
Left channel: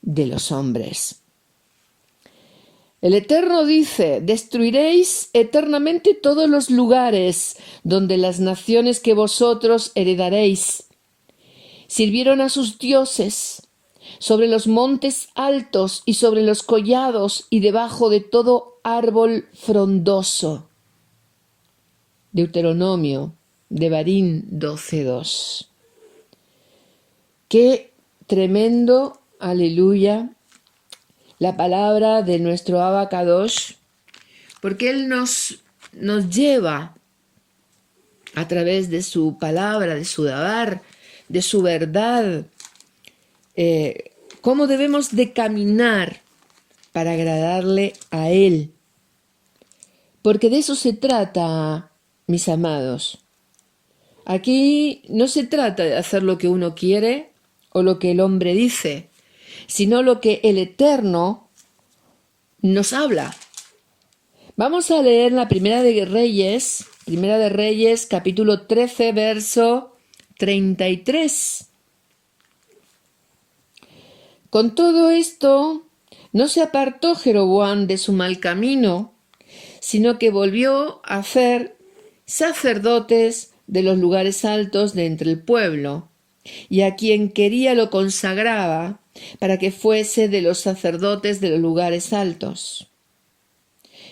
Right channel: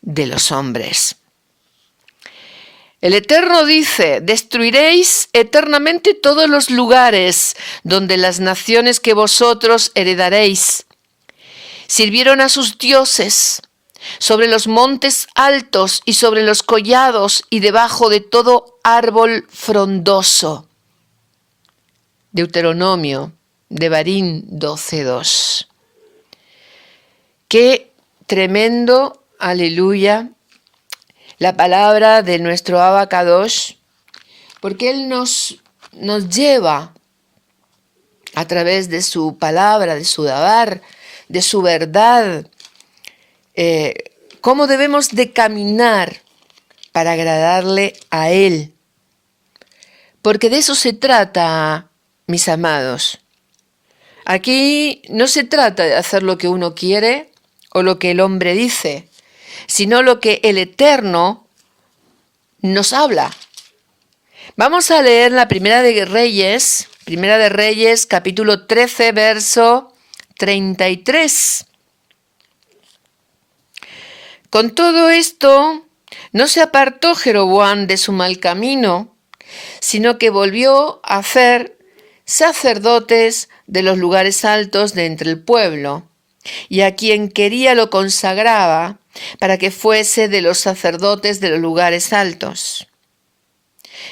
de los hombres. El Eterno dice: destruiréis eternamente todos los lugares donde las naciones que vosotros heredaréis sirvieron a sus dioses, sobre los montes altos y sobre los collados y debajo de todo árbol frondoso. Deuteronomio, Devarim 12:2. Qué tremendo, aleluya, la palabra de nuestro Abba Kadosh, porque Él nos lleva a través de su palabra, de su dabar, de su verdad, cómo debemos de caminar para agradarle a Él. Porque de eso se trata, mis amados. Aquí no se trata de hacer lo que uno quiere o lo que el hombre dice, sino lo que el Eterno nos habla. Vamos a leer la Primera de Reyes, capítulo 13, verso 33. Con todo esto, no se apartó Jeroboam de su mal camino, sino que volvió a hacer sacerdotes de los lugares altos de entre el pueblo, y a quien quería lo consagraba para que fuese de los sacerdotes de los lugares altos.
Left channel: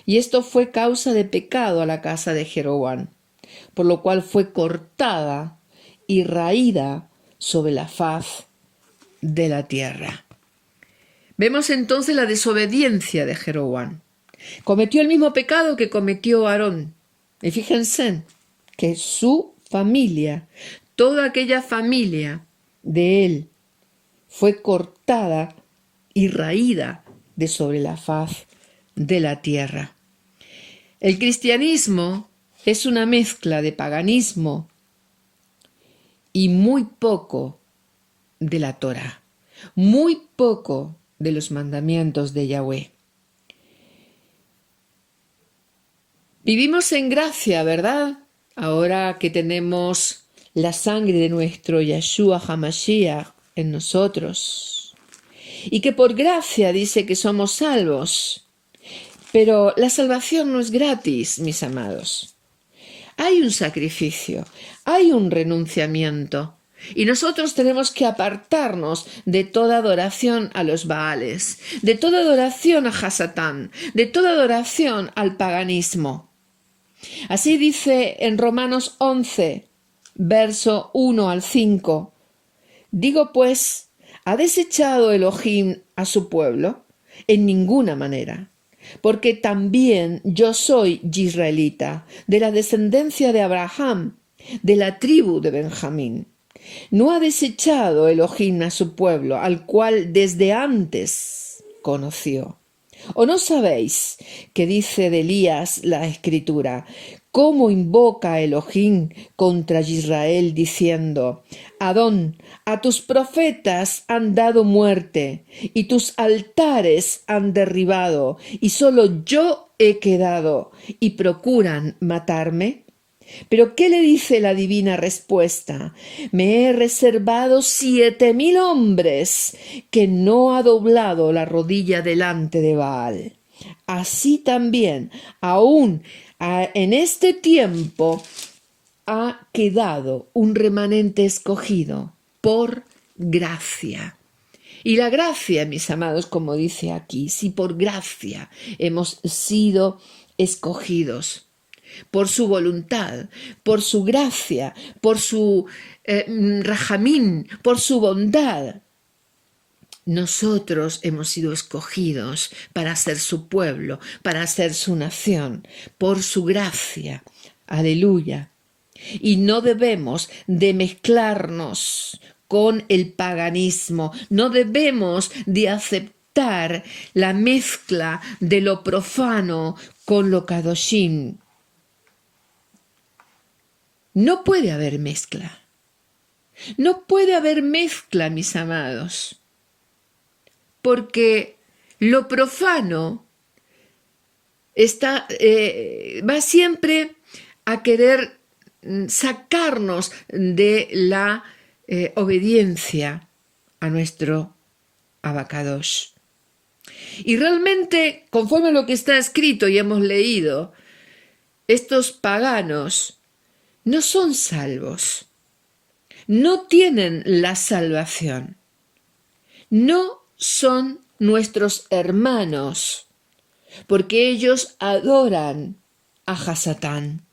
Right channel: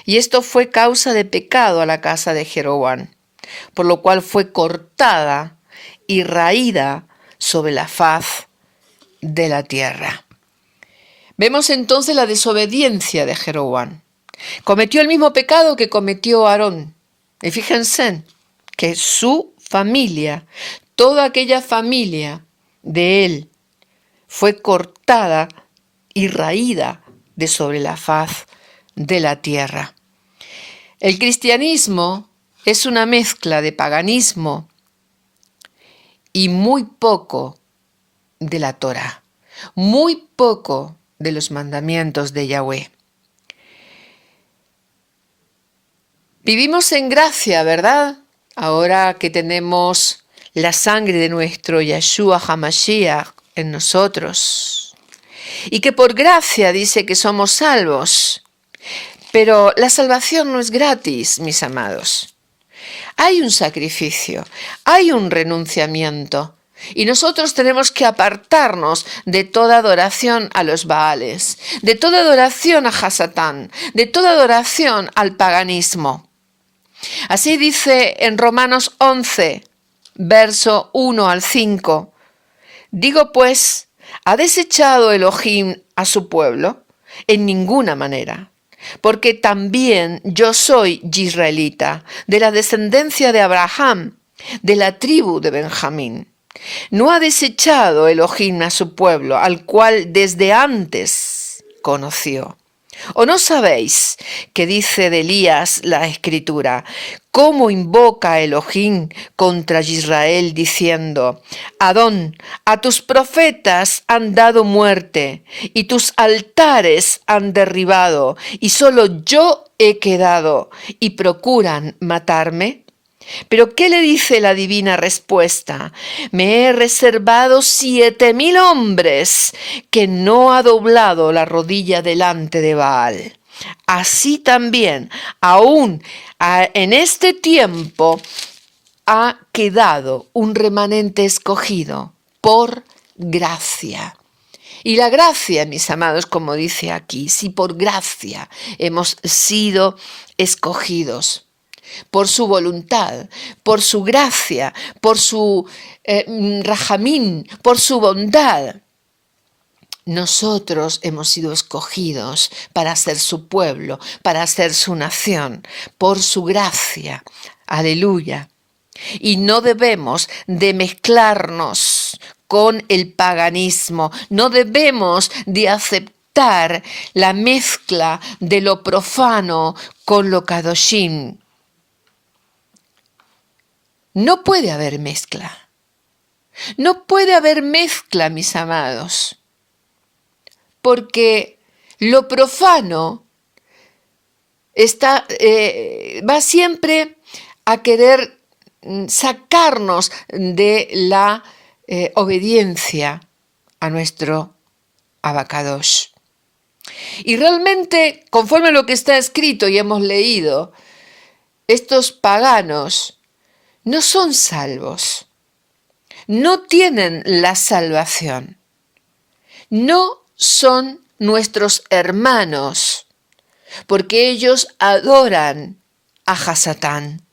Y esto fue causa de pecado a la casa de Jeroboam, por lo cual fue cortada y raída sobre la faz de la tierra. Vemos entonces la desobediencia de Jeroboam. Cometió el mismo pecado que cometió Aarón. Y fíjense que su familia, toda aquella familia de él, fue cortada y raída de sobre la faz de la tierra. El cristianismo es una mezcla de paganismo y muy poco de la Torá, muy poco de los mandamientos de Yahweh. Vivimos en gracia, ¿verdad? Ahora que tenemos la sangre de nuestro Yeshua HaMashiach en nosotros. Y que por gracia dice que somos salvos. Pero la salvación no es gratis, mis amados. Hay un sacrificio, hay un renunciamiento. Y nosotros tenemos que apartarnos de toda adoración a los Baales, de toda adoración a Hasatán, de toda adoración al paganismo. Así dice en Romanos 11, verso 1 al 5. Digo pues, ¿ha desechado Elohim a su pueblo? En ninguna manera. Porque también yo soy israelita, de la descendencia de Abraham, de la tribu de Benjamín. No ha desechado Elohim a su pueblo, al cual desde antes conoció. ¿O no sabéis que dice de Elías la Escritura? ¿Cómo invoca Elohim contra Israel diciendo: Adón, a tus profetas han dado muerte y tus altares han derribado y solo yo he quedado y procuran matarme? Pero ¿qué le dice la divina respuesta? Me he reservado 7,000 hombres que no ha doblado la rodilla delante de Baal. Así también, aún en este tiempo, ha quedado un remanente escogido por gracia. Y la gracia, mis amados, como dice aquí, si por gracia hemos sido escogidos, por su voluntad, por su gracia, por su rajamín, por su bondad. Nosotros hemos sido escogidos para ser su pueblo, para ser su nación, por su gracia. Aleluya. Y no debemos de mezclarnos con el paganismo, no debemos de aceptar la mezcla de lo profano con lo kadoshim. No puede haber mezcla. No puede haber mezcla, mis amados, porque lo profano va siempre a querer sacarnos de la obediencia a nuestro Abacadosh. Y realmente, conforme a lo que está escrito y hemos leído, estos paganos no son salvos, no tienen la salvación, no son nuestros hermanos, porque ellos adoran a Hasatán.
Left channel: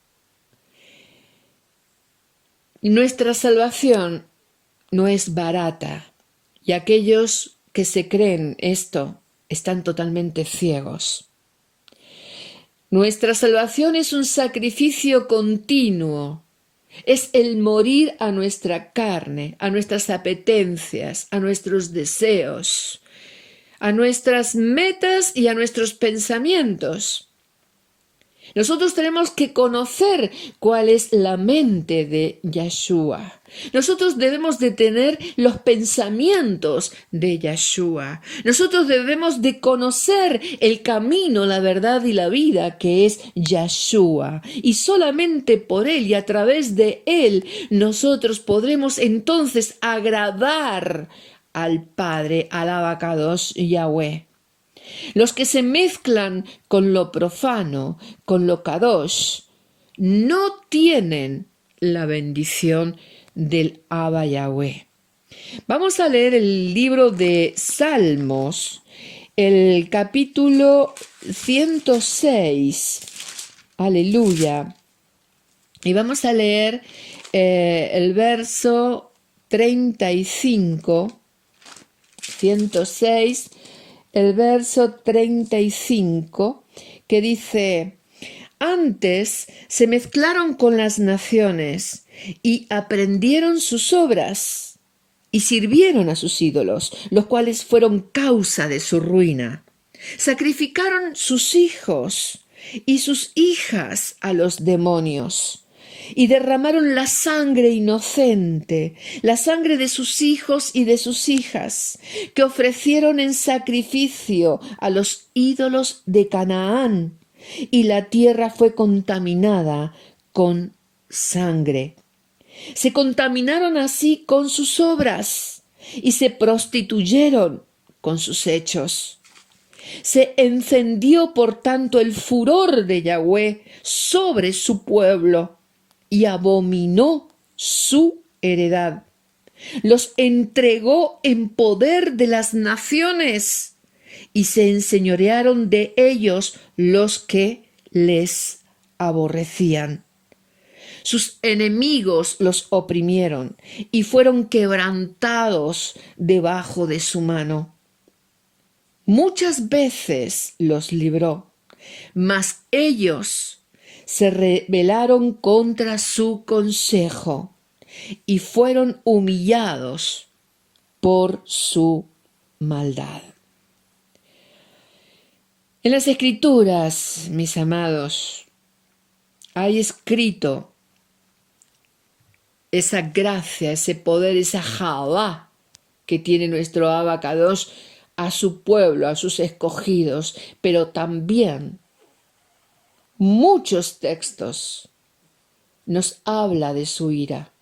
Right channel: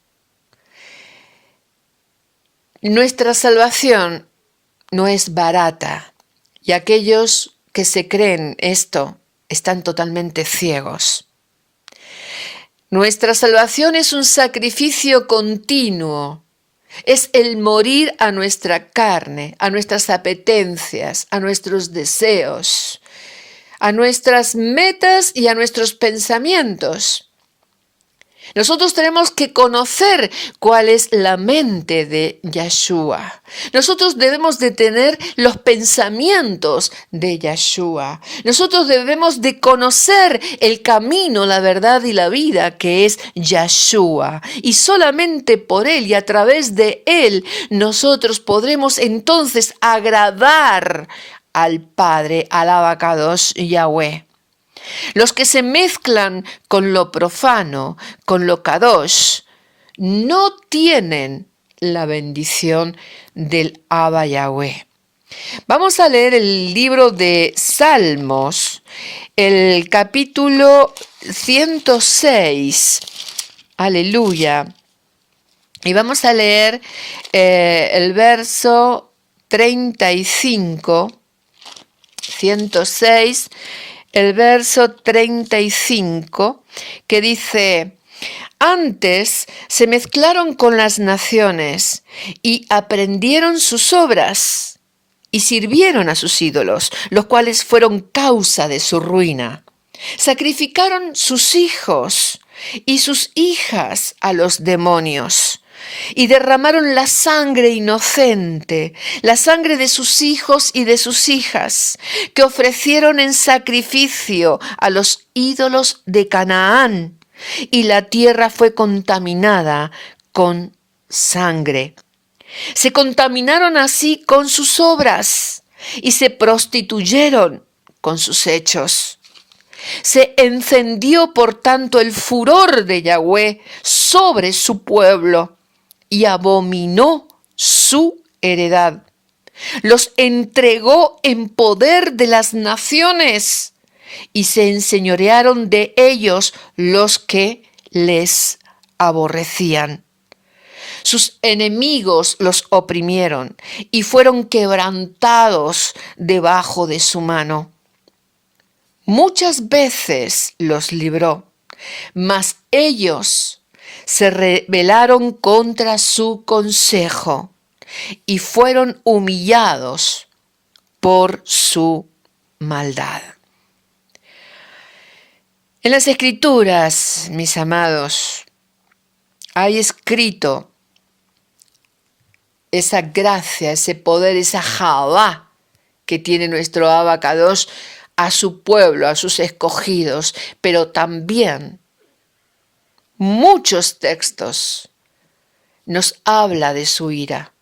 Nuestra salvación no es barata, y aquellos que se creen esto están totalmente ciegos. Nuestra salvación es un sacrificio continuo, es el morir a nuestra carne, a nuestras apetencias, a nuestros deseos, a nuestras metas y a nuestros pensamientos. Nosotros tenemos que conocer cuál es la mente de Yeshua. Nosotros debemos de tener los pensamientos de Yeshua. Nosotros debemos de conocer el camino, la verdad y la vida que es Yeshua. Y solamente por Él y a través de Él nosotros podremos entonces agradar al Padre, al Abacadosh Yahweh. Los que se mezclan con lo profano, con lo kadosh, no tienen la bendición del Abba Yahweh. Vamos a leer el libro de Salmos, el capítulo 106. Aleluya. Y vamos a leer el verso 35, 106. El verso 35, que dice: antes se mezclaron con las naciones y aprendieron sus obras y sirvieron a sus ídolos, los cuales fueron causa de su ruina. Sacrificaron sus hijos y sus hijas a los demonios y derramaron la sangre inocente, la sangre de sus hijos y de sus hijas, que ofrecieron en sacrificio a los ídolos de Canaán, y la tierra fue contaminada con sangre. Se contaminaron así con sus obras y se prostituyeron con sus hechos. Se encendió, por tanto, el furor de Yahweh sobre su pueblo y abominó su heredad. Los entregó en poder de las naciones y se enseñorearon de ellos los que les aborrecían. Sus enemigos los oprimieron y fueron quebrantados debajo de su mano. Muchas veces los libró, mas ellos se rebelaron contra su consejo y fueron humillados por su maldad. En las Escrituras, mis amados, hay escrito esa gracia, ese poder, esa Javá que tiene nuestro Abacadosh a su pueblo, a sus escogidos, pero también muchos textos nos habla de su ira,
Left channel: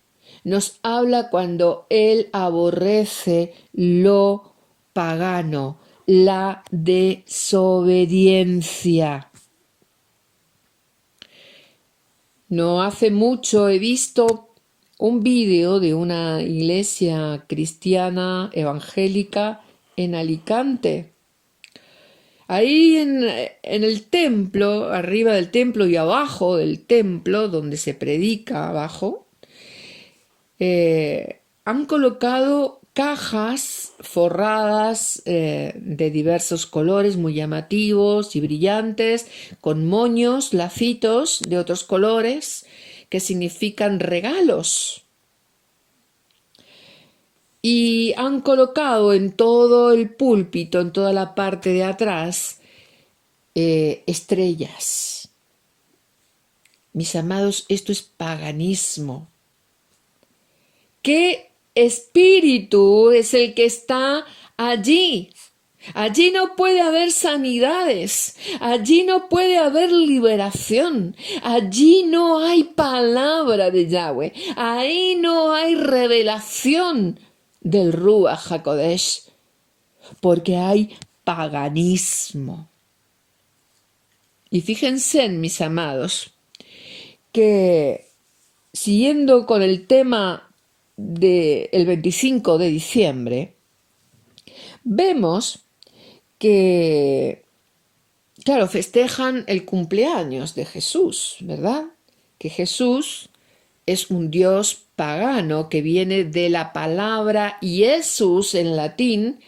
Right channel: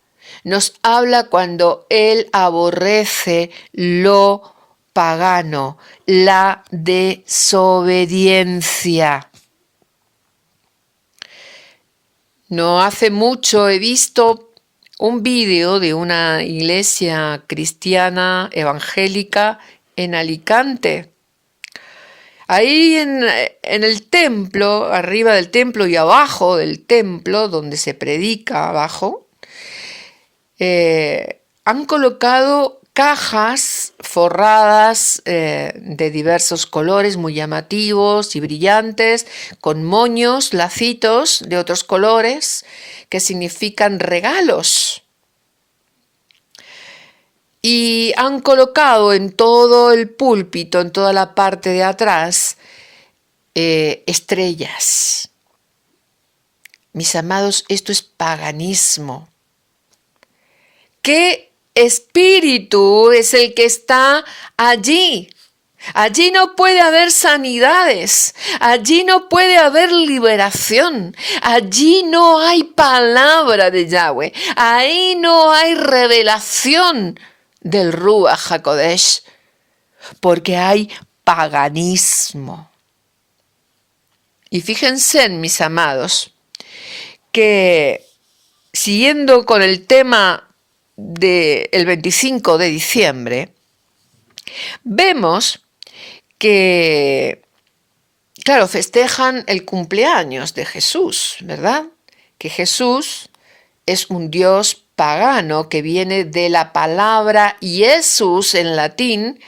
nos habla cuando Él aborrece lo pagano, la desobediencia. No hace mucho he visto un vídeo de una iglesia cristiana evangélica en Alicante. Ahí en el templo, arriba del templo y abajo del templo, donde se predica abajo, han colocado cajas forradas de diversos colores muy llamativos y brillantes, con moños, lacitos de otros colores, que significan regalos. Y han colocado en todo el púlpito, en toda la parte de atrás, estrellas. Mis amados, esto es paganismo. ¿Qué espíritu es el que está allí? Allí no puede haber sanidades, allí no puede haber liberación, allí no hay palabra de Yahweh, ahí no hay revelación del Ruach HaKodesh, porque hay paganismo. Y fíjense, mis amados, que siguiendo con el tema del 25 de diciembre, vemos que, claro, festejan el cumpleaños de Jesús, ¿verdad? Que Jesús es un Dios pagano que viene de la palabra Jesús en latín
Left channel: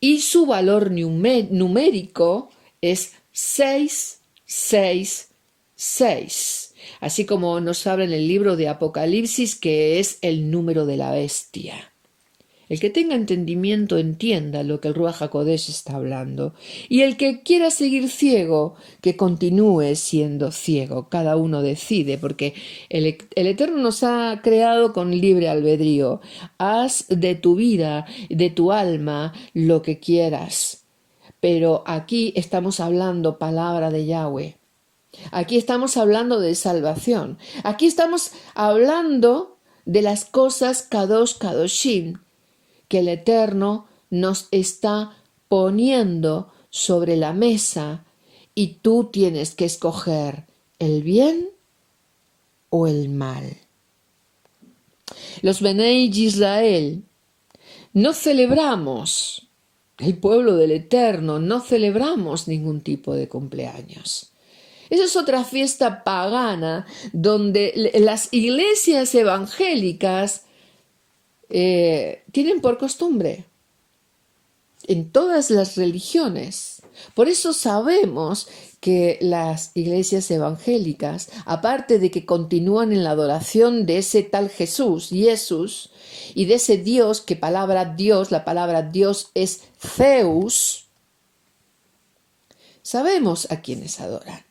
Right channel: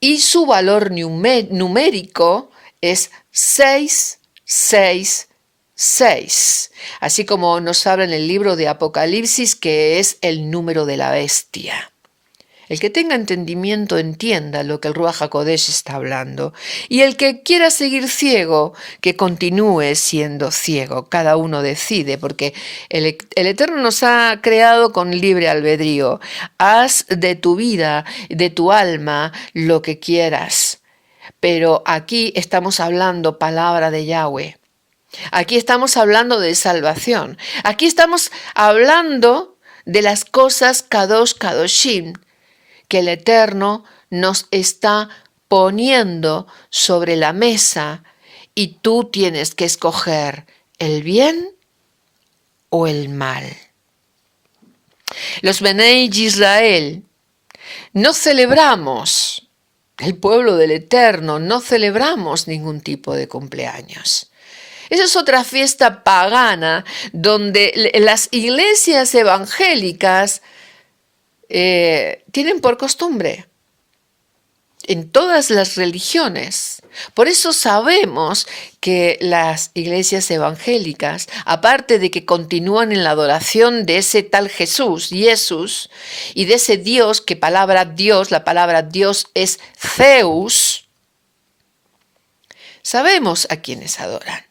y su valor numérico es 666, así como nos habla en el libro de Apocalipsis, que es el número de la bestia. El que tenga entendimiento entienda lo que el Ruach HaKodesh está hablando. Y el que quiera seguir ciego, que continúe siendo ciego. Cada uno decide, porque el Eterno nos ha creado con libre albedrío. Haz de tu vida, de tu alma, lo que quieras. Pero aquí estamos hablando palabra de Yahweh. Aquí estamos hablando de salvación. Aquí estamos hablando de las cosas Kadosh Kadoshim, que el Eterno nos está poniendo sobre la mesa y tú tienes que escoger el bien o el mal. Los Benei Israel no celebramos, el pueblo del Eterno, no celebramos ningún tipo de cumpleaños. Esa es otra fiesta pagana donde las iglesias evangélicas tienen por costumbre en todas las religiones. Por eso sabemos que las iglesias evangélicas, aparte de que continúan en la adoración de ese tal Jesús, y de ese Dios, que la palabra Dios es Zeus, sabemos a quienes adoran.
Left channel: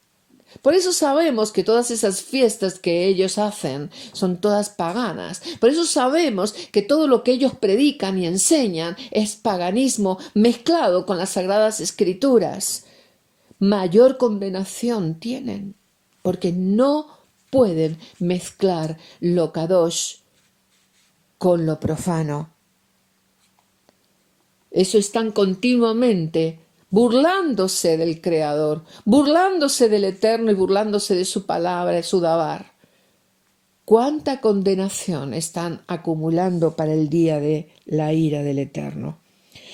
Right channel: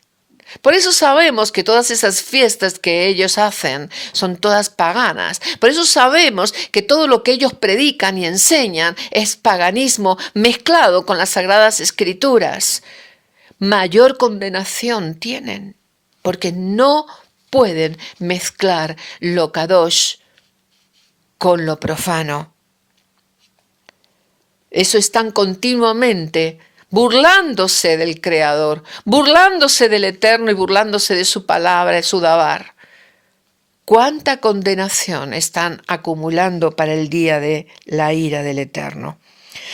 Por eso sabemos que todas esas fiestas que ellos hacen son todas paganas. Por eso sabemos que todo lo que ellos predican y enseñan es paganismo mezclado con las Sagradas Escrituras. Mayor condenación tienen, porque no pueden mezclar lo kadosh con lo profano. Eso están continuamente burlándose del Creador, burlándose del Eterno y burlándose de su palabra, de su dabar. ¿Cuánta condenación están acumulando para el día de la ira del Eterno?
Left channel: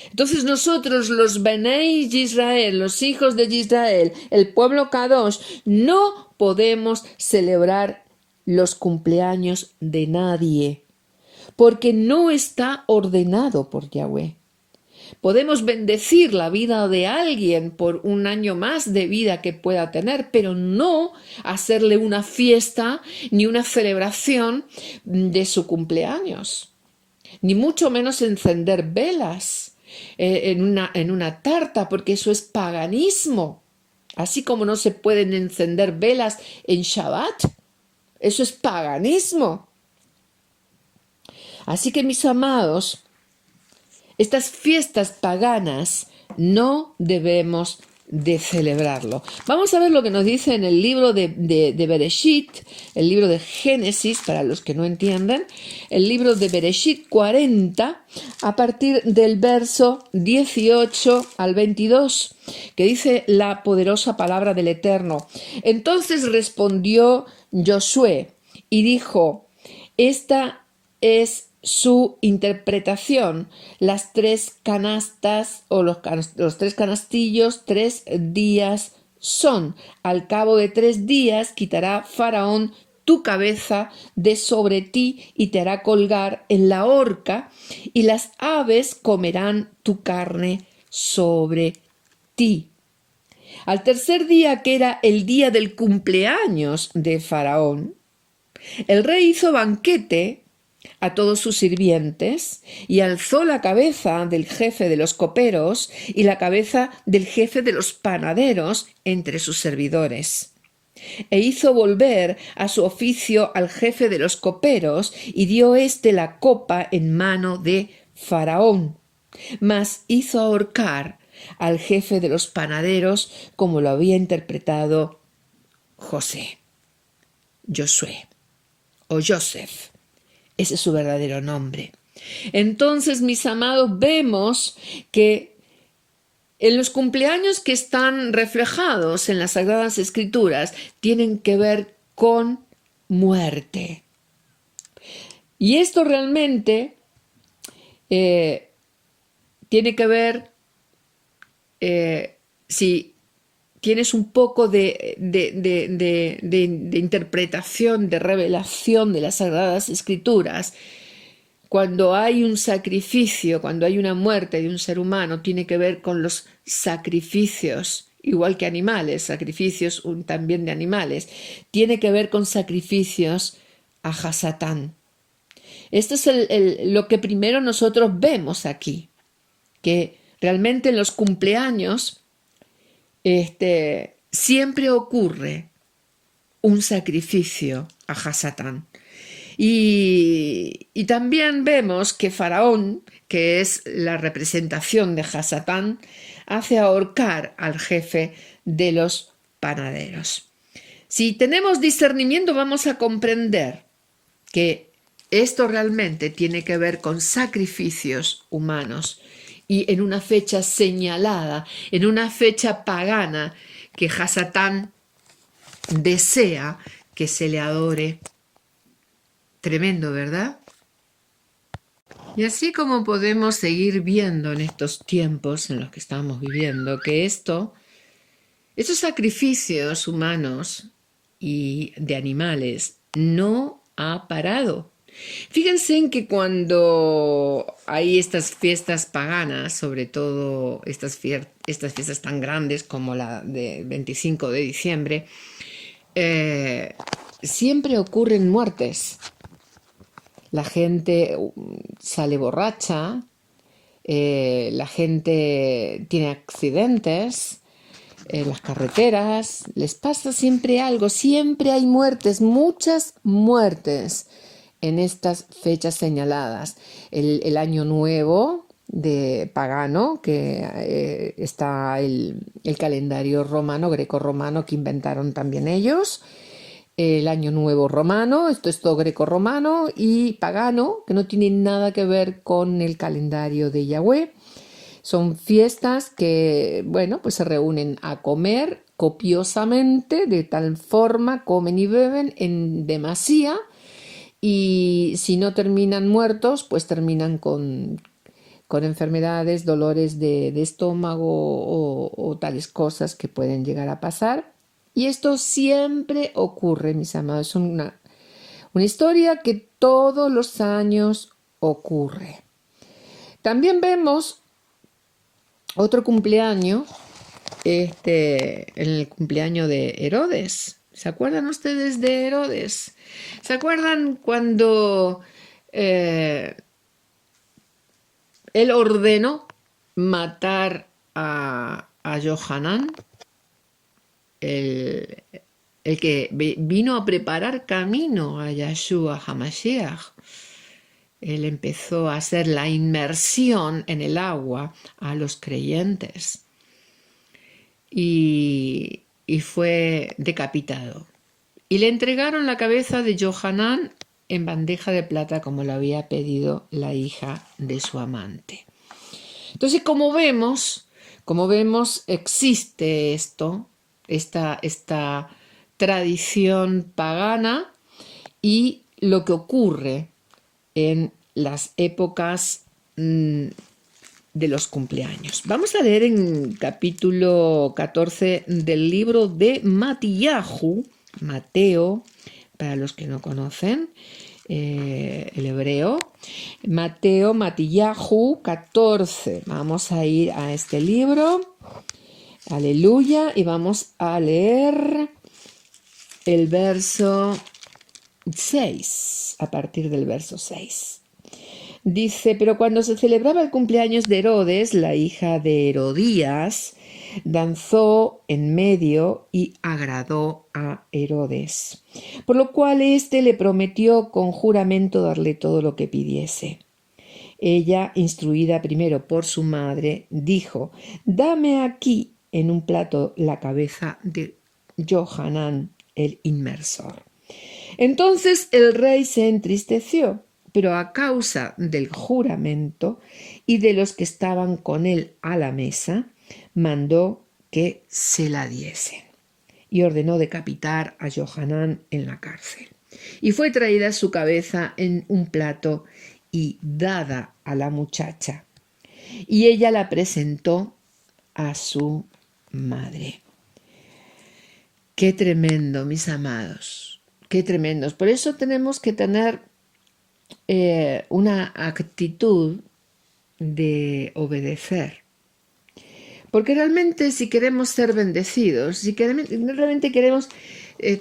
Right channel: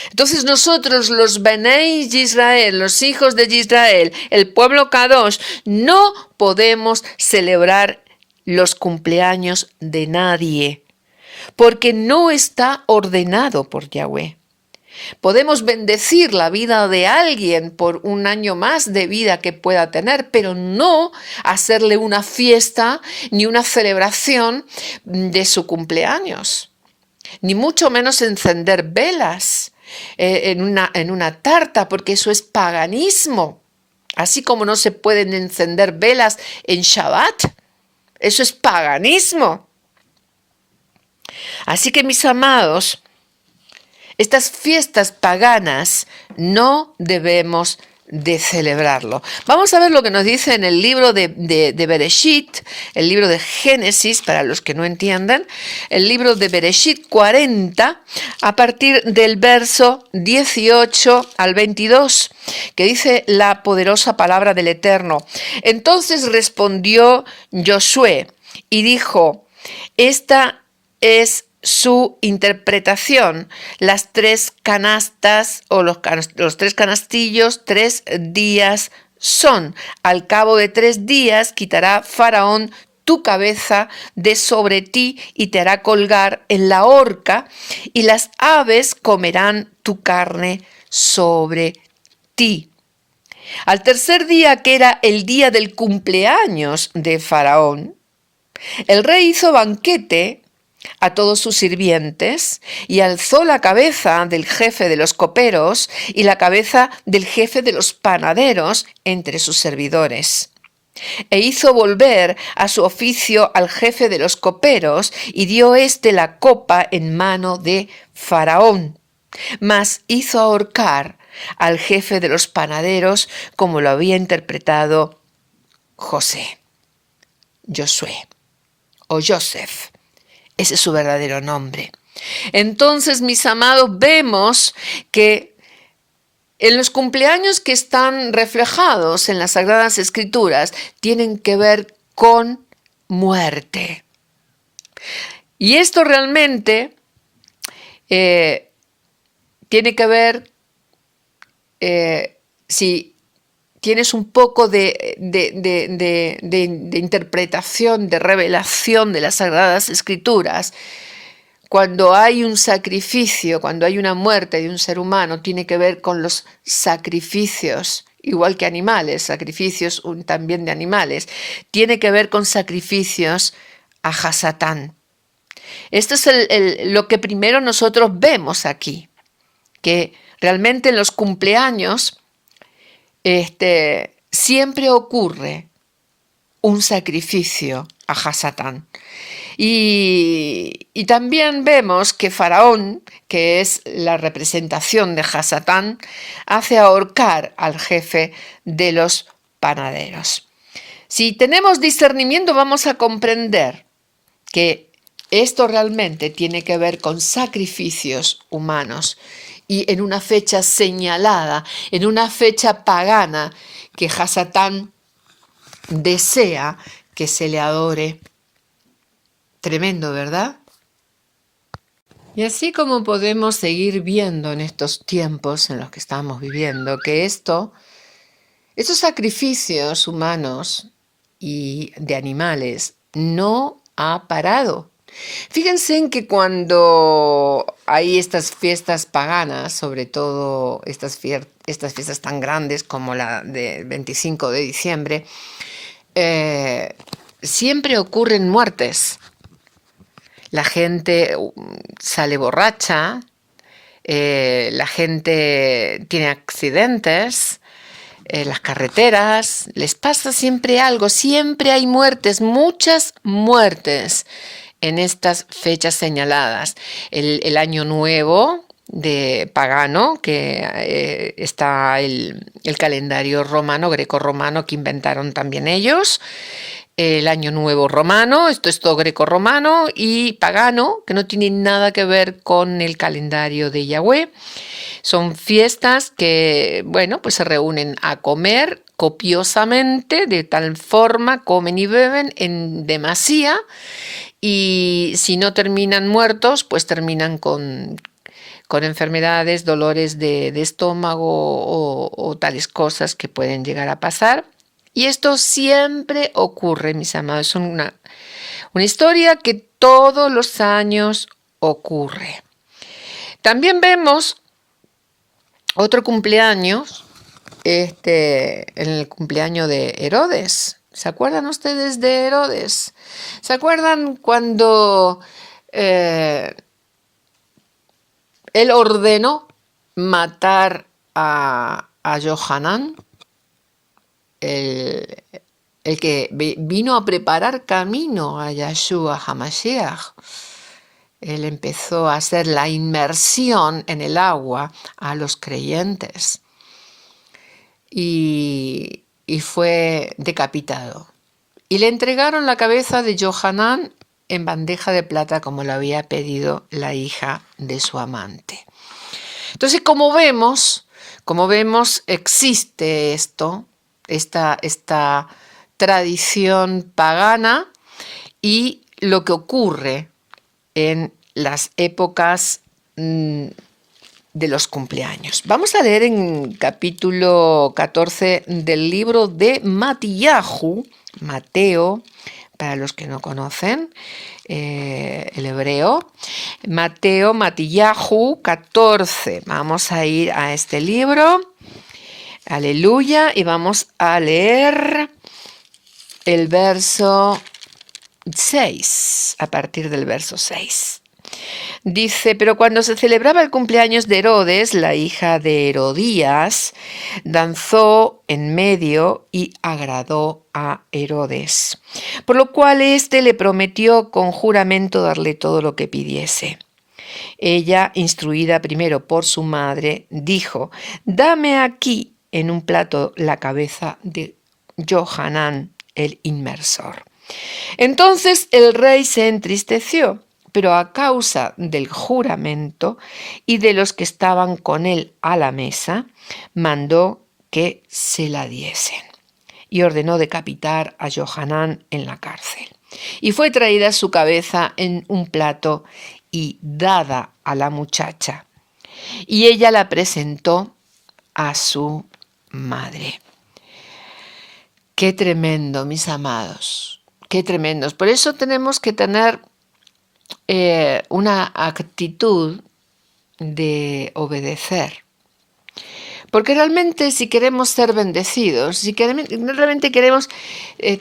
Entonces nosotros, los Benei Israel, los hijos de Israel, el pueblo Kadosh, no podemos celebrar los cumpleaños de nadie, porque no está ordenado por Yahweh. Podemos bendecir la vida de alguien por un año más de vida que pueda tener, pero no hacerle una fiesta ni una celebración de su cumpleaños, ni mucho menos encender velas en una tarta, porque eso es paganismo. Así como no se pueden encender velas en Shabbat, eso es paganismo. Así que, mis amados, estas fiestas paganas no debemos de celebrarlo. Vamos a ver lo que nos dice en el libro de Bereshit, el libro de Génesis, para los que no entiendan, el libro de Bereshit 40, a partir del verso 18 al 22, que dice la poderosa palabra del Eterno. Entonces respondió Josué y dijo: esta es su interpretación, las tres canastas o los tres canastillos, 3 días son. Al cabo de 3 días quitará Faraón tu cabeza de sobre ti y te hará colgar en la horca, y las aves comerán tu carne sobre ti. Al tercer día, que era el día del cumpleaños de Faraón, El rey hizo banquete a todos sus sirvientes y alzó la cabeza del jefe de los coperos y la cabeza del jefe de los panaderos entre sus servidores. E hizo volver a su oficio al jefe de los coperos y dio éste la copa en mano de Faraón. Mas hizo ahorcar al jefe de los panaderos como lo había interpretado Josué o Joseph. Ese es su verdadero nombre. Entonces, mis amados, vemos que en los cumpleaños que están reflejados en las Sagradas Escrituras tienen que ver con muerte. Y esto realmente tiene que ver, si tienes un poco de interpretación, de revelación de las Sagradas Escrituras. Cuando hay un sacrificio, cuando hay una muerte de un ser humano, tiene que ver con los sacrificios, igual que animales, sacrificios también de animales. Tiene que ver con sacrificios a Hasatán. Esto es lo que primero nosotros vemos aquí, que realmente en los cumpleaños siempre ocurre un sacrificio a Hasatán. Y también vemos que Faraón, que es la representación de Hasatán, hace ahorcar al jefe de los panaderos. Si tenemos discernimiento, vamos a comprender que esto realmente tiene que ver con sacrificios humanos y en una fecha señalada, en una fecha pagana que Hasatán desea que se le adore. Tremendo, ¿verdad? Y así como podemos seguir viendo en estos tiempos en los que estamos viviendo, que estos sacrificios humanos y de animales no ha parado. Fíjense en que cuando hay estas fiestas paganas, sobre todo estas fiestas tan grandes como la del 25 de diciembre, siempre ocurren muertes. La gente sale borracha, la gente tiene accidentes en las carreteras, les pasa siempre algo, siempre hay muertes, muchas muertes en estas fechas señaladas. El año nuevo de pagano, que está el calendario romano, greco-romano, que inventaron también ellos. El año nuevo romano, esto es todo greco-romano, y pagano, que no tiene nada que ver con el calendario de Yahweh. Son fiestas que, bueno, pues se reúnen a comer copiosamente, de tal forma, comen y beben en demasía, y si no terminan muertos, pues terminan con enfermedades, dolores de estómago o tales cosas que pueden llegar a pasar. Y esto siempre ocurre, mis amados. Es una historia que todos los años ocurre. También vemos otro cumpleaños, en el cumpleaños de Herodes. ¿Se acuerdan ustedes de Herodes? ¿Se acuerdan cuando él ordenó matar a Johanán? El que vino a preparar camino a Yahshua HaMashiach. Él empezó a hacer la inmersión en el agua a los creyentes y fue decapitado. Y le entregaron la cabeza de Johanán en bandeja de plata como lo había pedido la hija de su amante. Entonces, como vemos, existe esta tradición pagana y lo que ocurre en las épocas de los cumpleaños. Vamos a leer en capítulo 14 del libro de Mateo, para los que no conocen el hebreo, Matillahu 14. Vamos a ir a este libro. Aleluya, y vamos a leer el verso 6, a partir del verso 6. Dice, pero cuando se celebraba el cumpleaños de Herodes, la hija de Herodías, danzó en medio y agradó a Herodes, por lo cual éste le prometió con juramento darle todo lo que pidiese. Ella, instruida primero por su madre, dijo, dame aquí en un plato la cabeza de Johanán, el inmersor. Entonces el rey se entristeció, pero a causa del juramento y de los que estaban con él a la mesa, mandó que se la diesen y ordenó decapitar a Johanán en la cárcel. Y fue traída su cabeza en un plato y dada a la muchacha, y ella la presentó a su madre. Qué tremendo, mis amados, qué tremendos. Por eso tenemos que tener una actitud de obedecer. Porque realmente si queremos ser bendecidos, si realmente queremos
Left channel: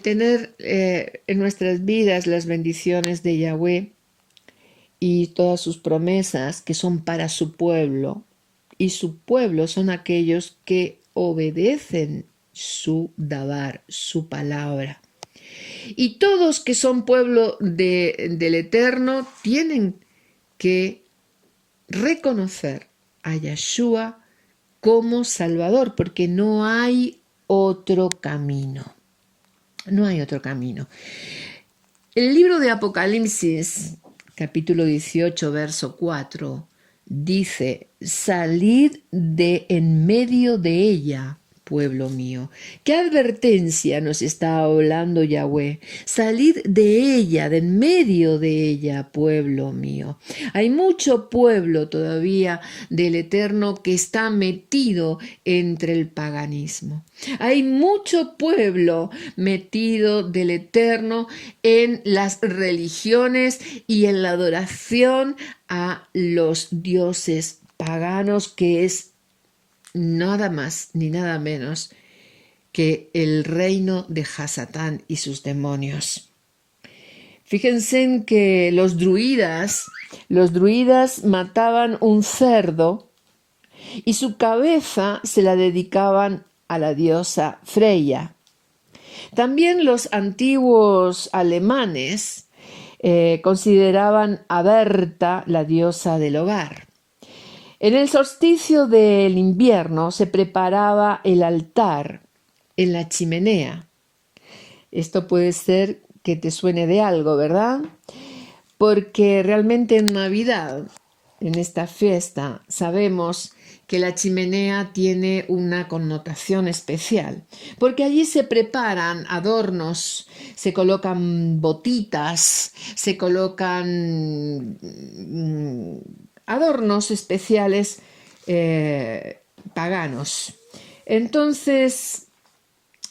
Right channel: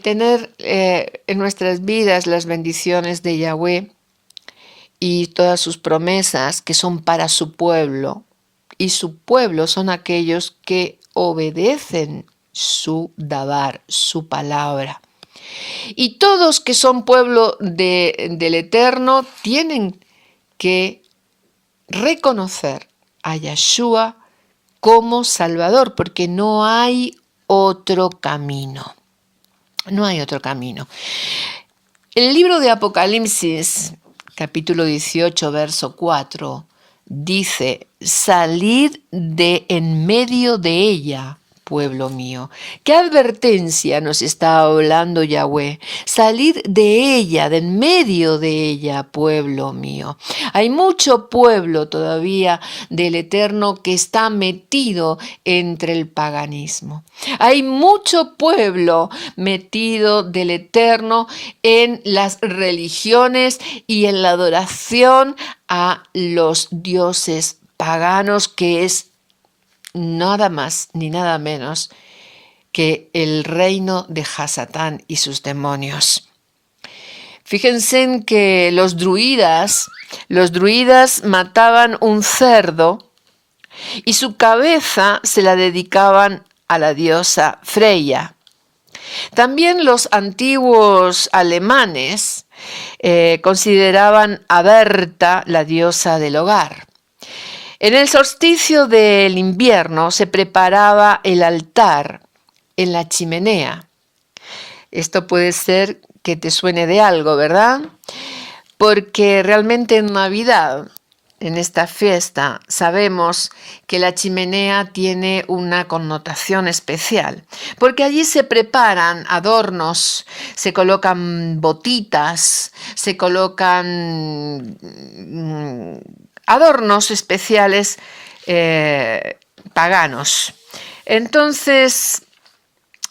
tener en nuestras vidas las bendiciones de Yahweh y todas sus promesas que son para su pueblo, y su pueblo son aquellos que obedecen su dabar, su palabra. Y todos que son pueblo del Eterno tienen que reconocer a Yeshua como Salvador, porque no hay otro camino. No hay otro camino. El libro de Apocalipsis, capítulo 18, verso 4, dice, salid de en medio de ella, pueblo mío. ¿Qué advertencia nos está hablando Yahweh? Salid de ella, de en medio de ella, pueblo mío. Hay mucho pueblo todavía del Eterno que está metido entre el paganismo. Hay mucho pueblo metido del Eterno en las religiones y en la adoración a los dioses paganos, que es nada más ni nada menos que el reino de Hasatán y sus demonios. Fíjense en que los druidas mataban un cerdo y su cabeza se la dedicaban a la diosa Freya. También los antiguos alemanes consideraban a Berta la diosa del hogar. En el solsticio del invierno se preparaba el altar en la chimenea. Esto puede ser que te suene de algo, ¿verdad? Porque realmente en Navidad, en esta fiesta, sabemos que la chimenea tiene una connotación especial, porque allí se preparan adornos, se colocan botitas, se colocan adornos especiales paganos. Entonces,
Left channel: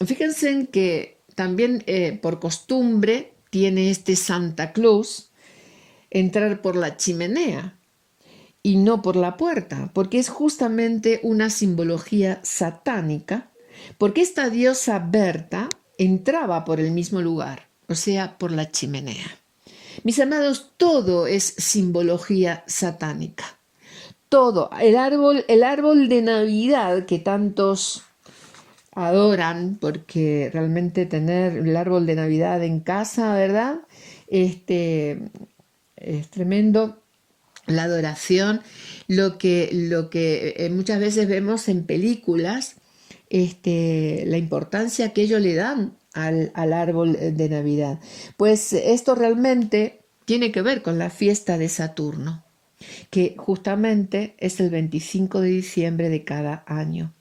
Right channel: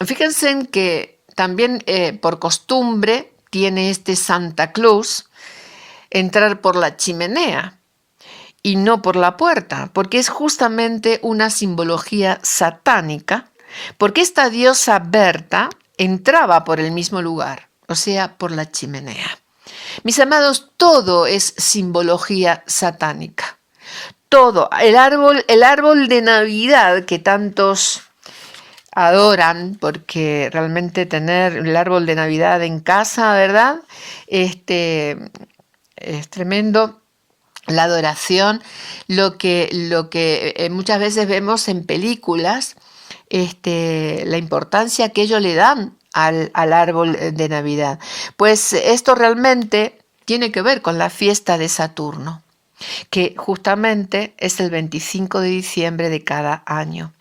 fíjense en que también por costumbre tiene este Santa Claus entrar por la chimenea y no por la puerta, porque es justamente una simbología satánica, porque esta diosa Berta entraba por el mismo lugar, o sea, por la chimenea. Mis amados, todo es simbología satánica. Todo. El árbol de Navidad que tantos adoran, porque realmente tener el árbol de Navidad en casa, ¿verdad? Es tremendo. La adoración, lo que muchas veces vemos en películas, la importancia que ellos le dan al árbol de Navidad. Pues esto realmente tiene que ver con la fiesta de Saturno, que justamente es el 25 de diciembre de cada año.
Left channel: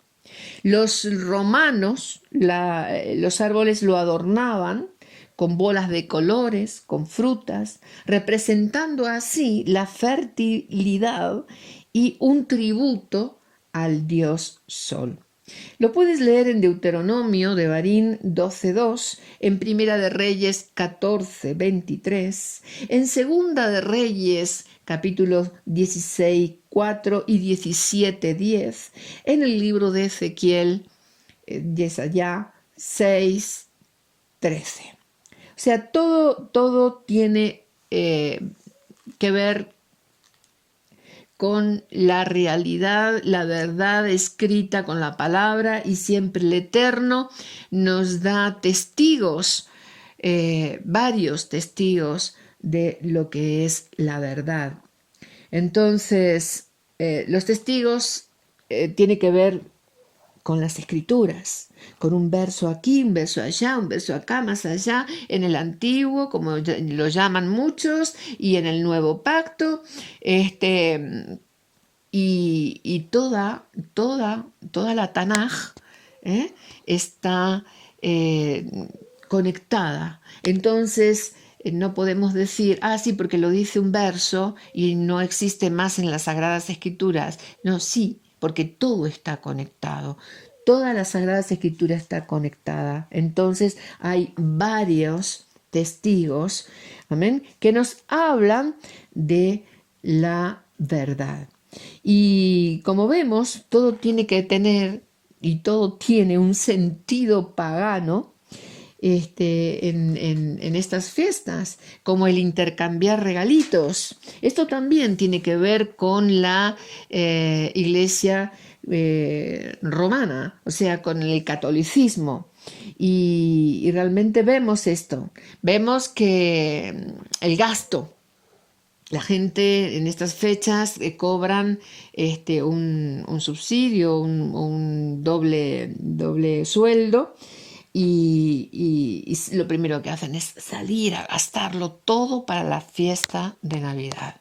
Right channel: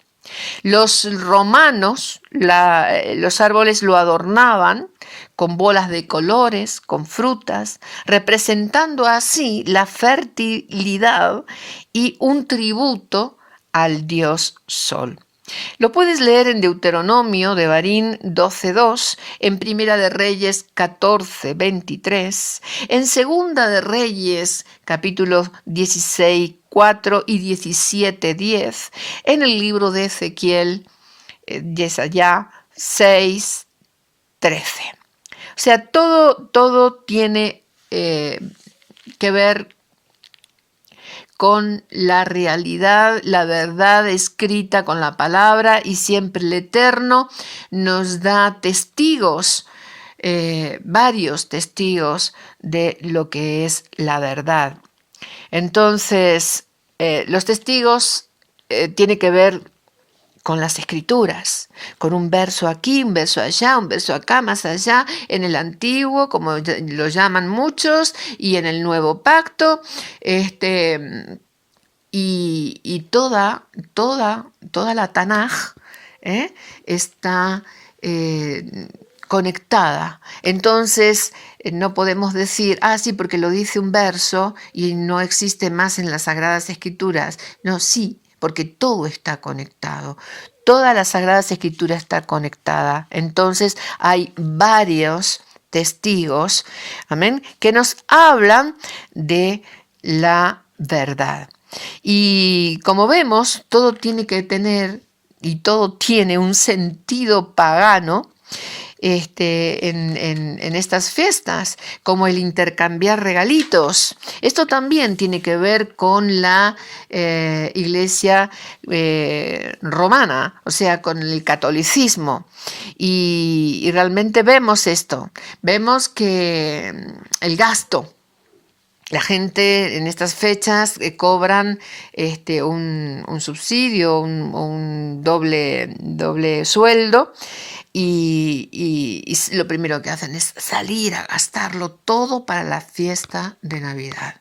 Los romanos, los árboles lo adornaban con bolas de colores, con frutas, representando así la fertilidad y un tributo al dios Sol. Lo puedes leer en Deuteronomio, Devarim 12:2, en Primera de Reyes 14:23, en Segunda de Reyes capítulos 16:4 y 17:10, en el libro de Ezequiel, Yesayá 6:13. O sea, todo tiene que ver con la realidad, la verdad escrita con la palabra, y siempre el Eterno nos da testigos, varios testigos de lo que es la verdad. Entonces, los testigos tienen que ver con las escrituras, con un verso aquí, un verso allá, un verso acá, más allá, en el antiguo, como lo llaman muchos, y en el nuevo pacto, y toda la Tanaj está conectada. Entonces, no podemos decir, sí, porque lo dice un verso y no existe más en las Sagradas Escrituras. No, sí, porque todo está conectado. Toda la Sagradas Escrituras está conectada. Entonces, hay varios testigos, amén, que nos hablan de la verdad. Y como vemos, todo tiene que tener y todo tiene un sentido pagano en estas fiestas, como el intercambiar regalitos. Esto también tiene que ver con la iglesia romana, o sea, con el catolicismo. Y realmente vemos esto, vemos que el gasto, la gente en estas fechas cobran un subsidio, un doble sueldo, y lo primero que hacen es salir a gastarlo todo para la fiesta de Navidad.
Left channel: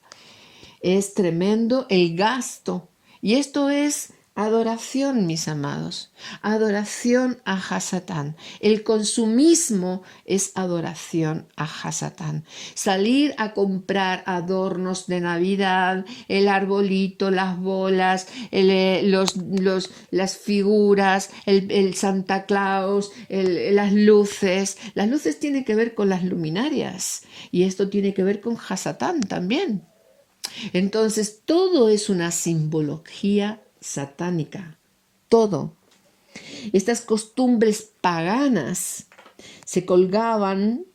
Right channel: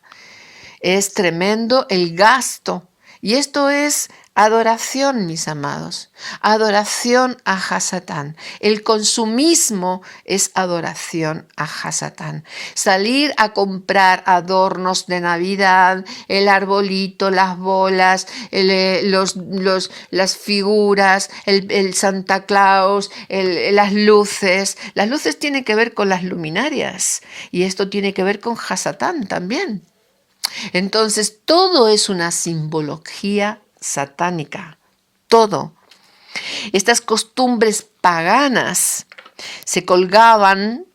Es tremendo el gasto. Y esto es adoración, mis amados. Adoración a Hasatán. El consumismo es adoración a Hasatán. Salir a comprar adornos de Navidad, el arbolito, las bolas, las figuras, el Santa Claus, las luces. Las luces tienen que ver con las luminarias. Y esto tiene que ver con Hasatán también. Entonces, todo es una simbología satánica, todo. Estas costumbres paganas se colgaban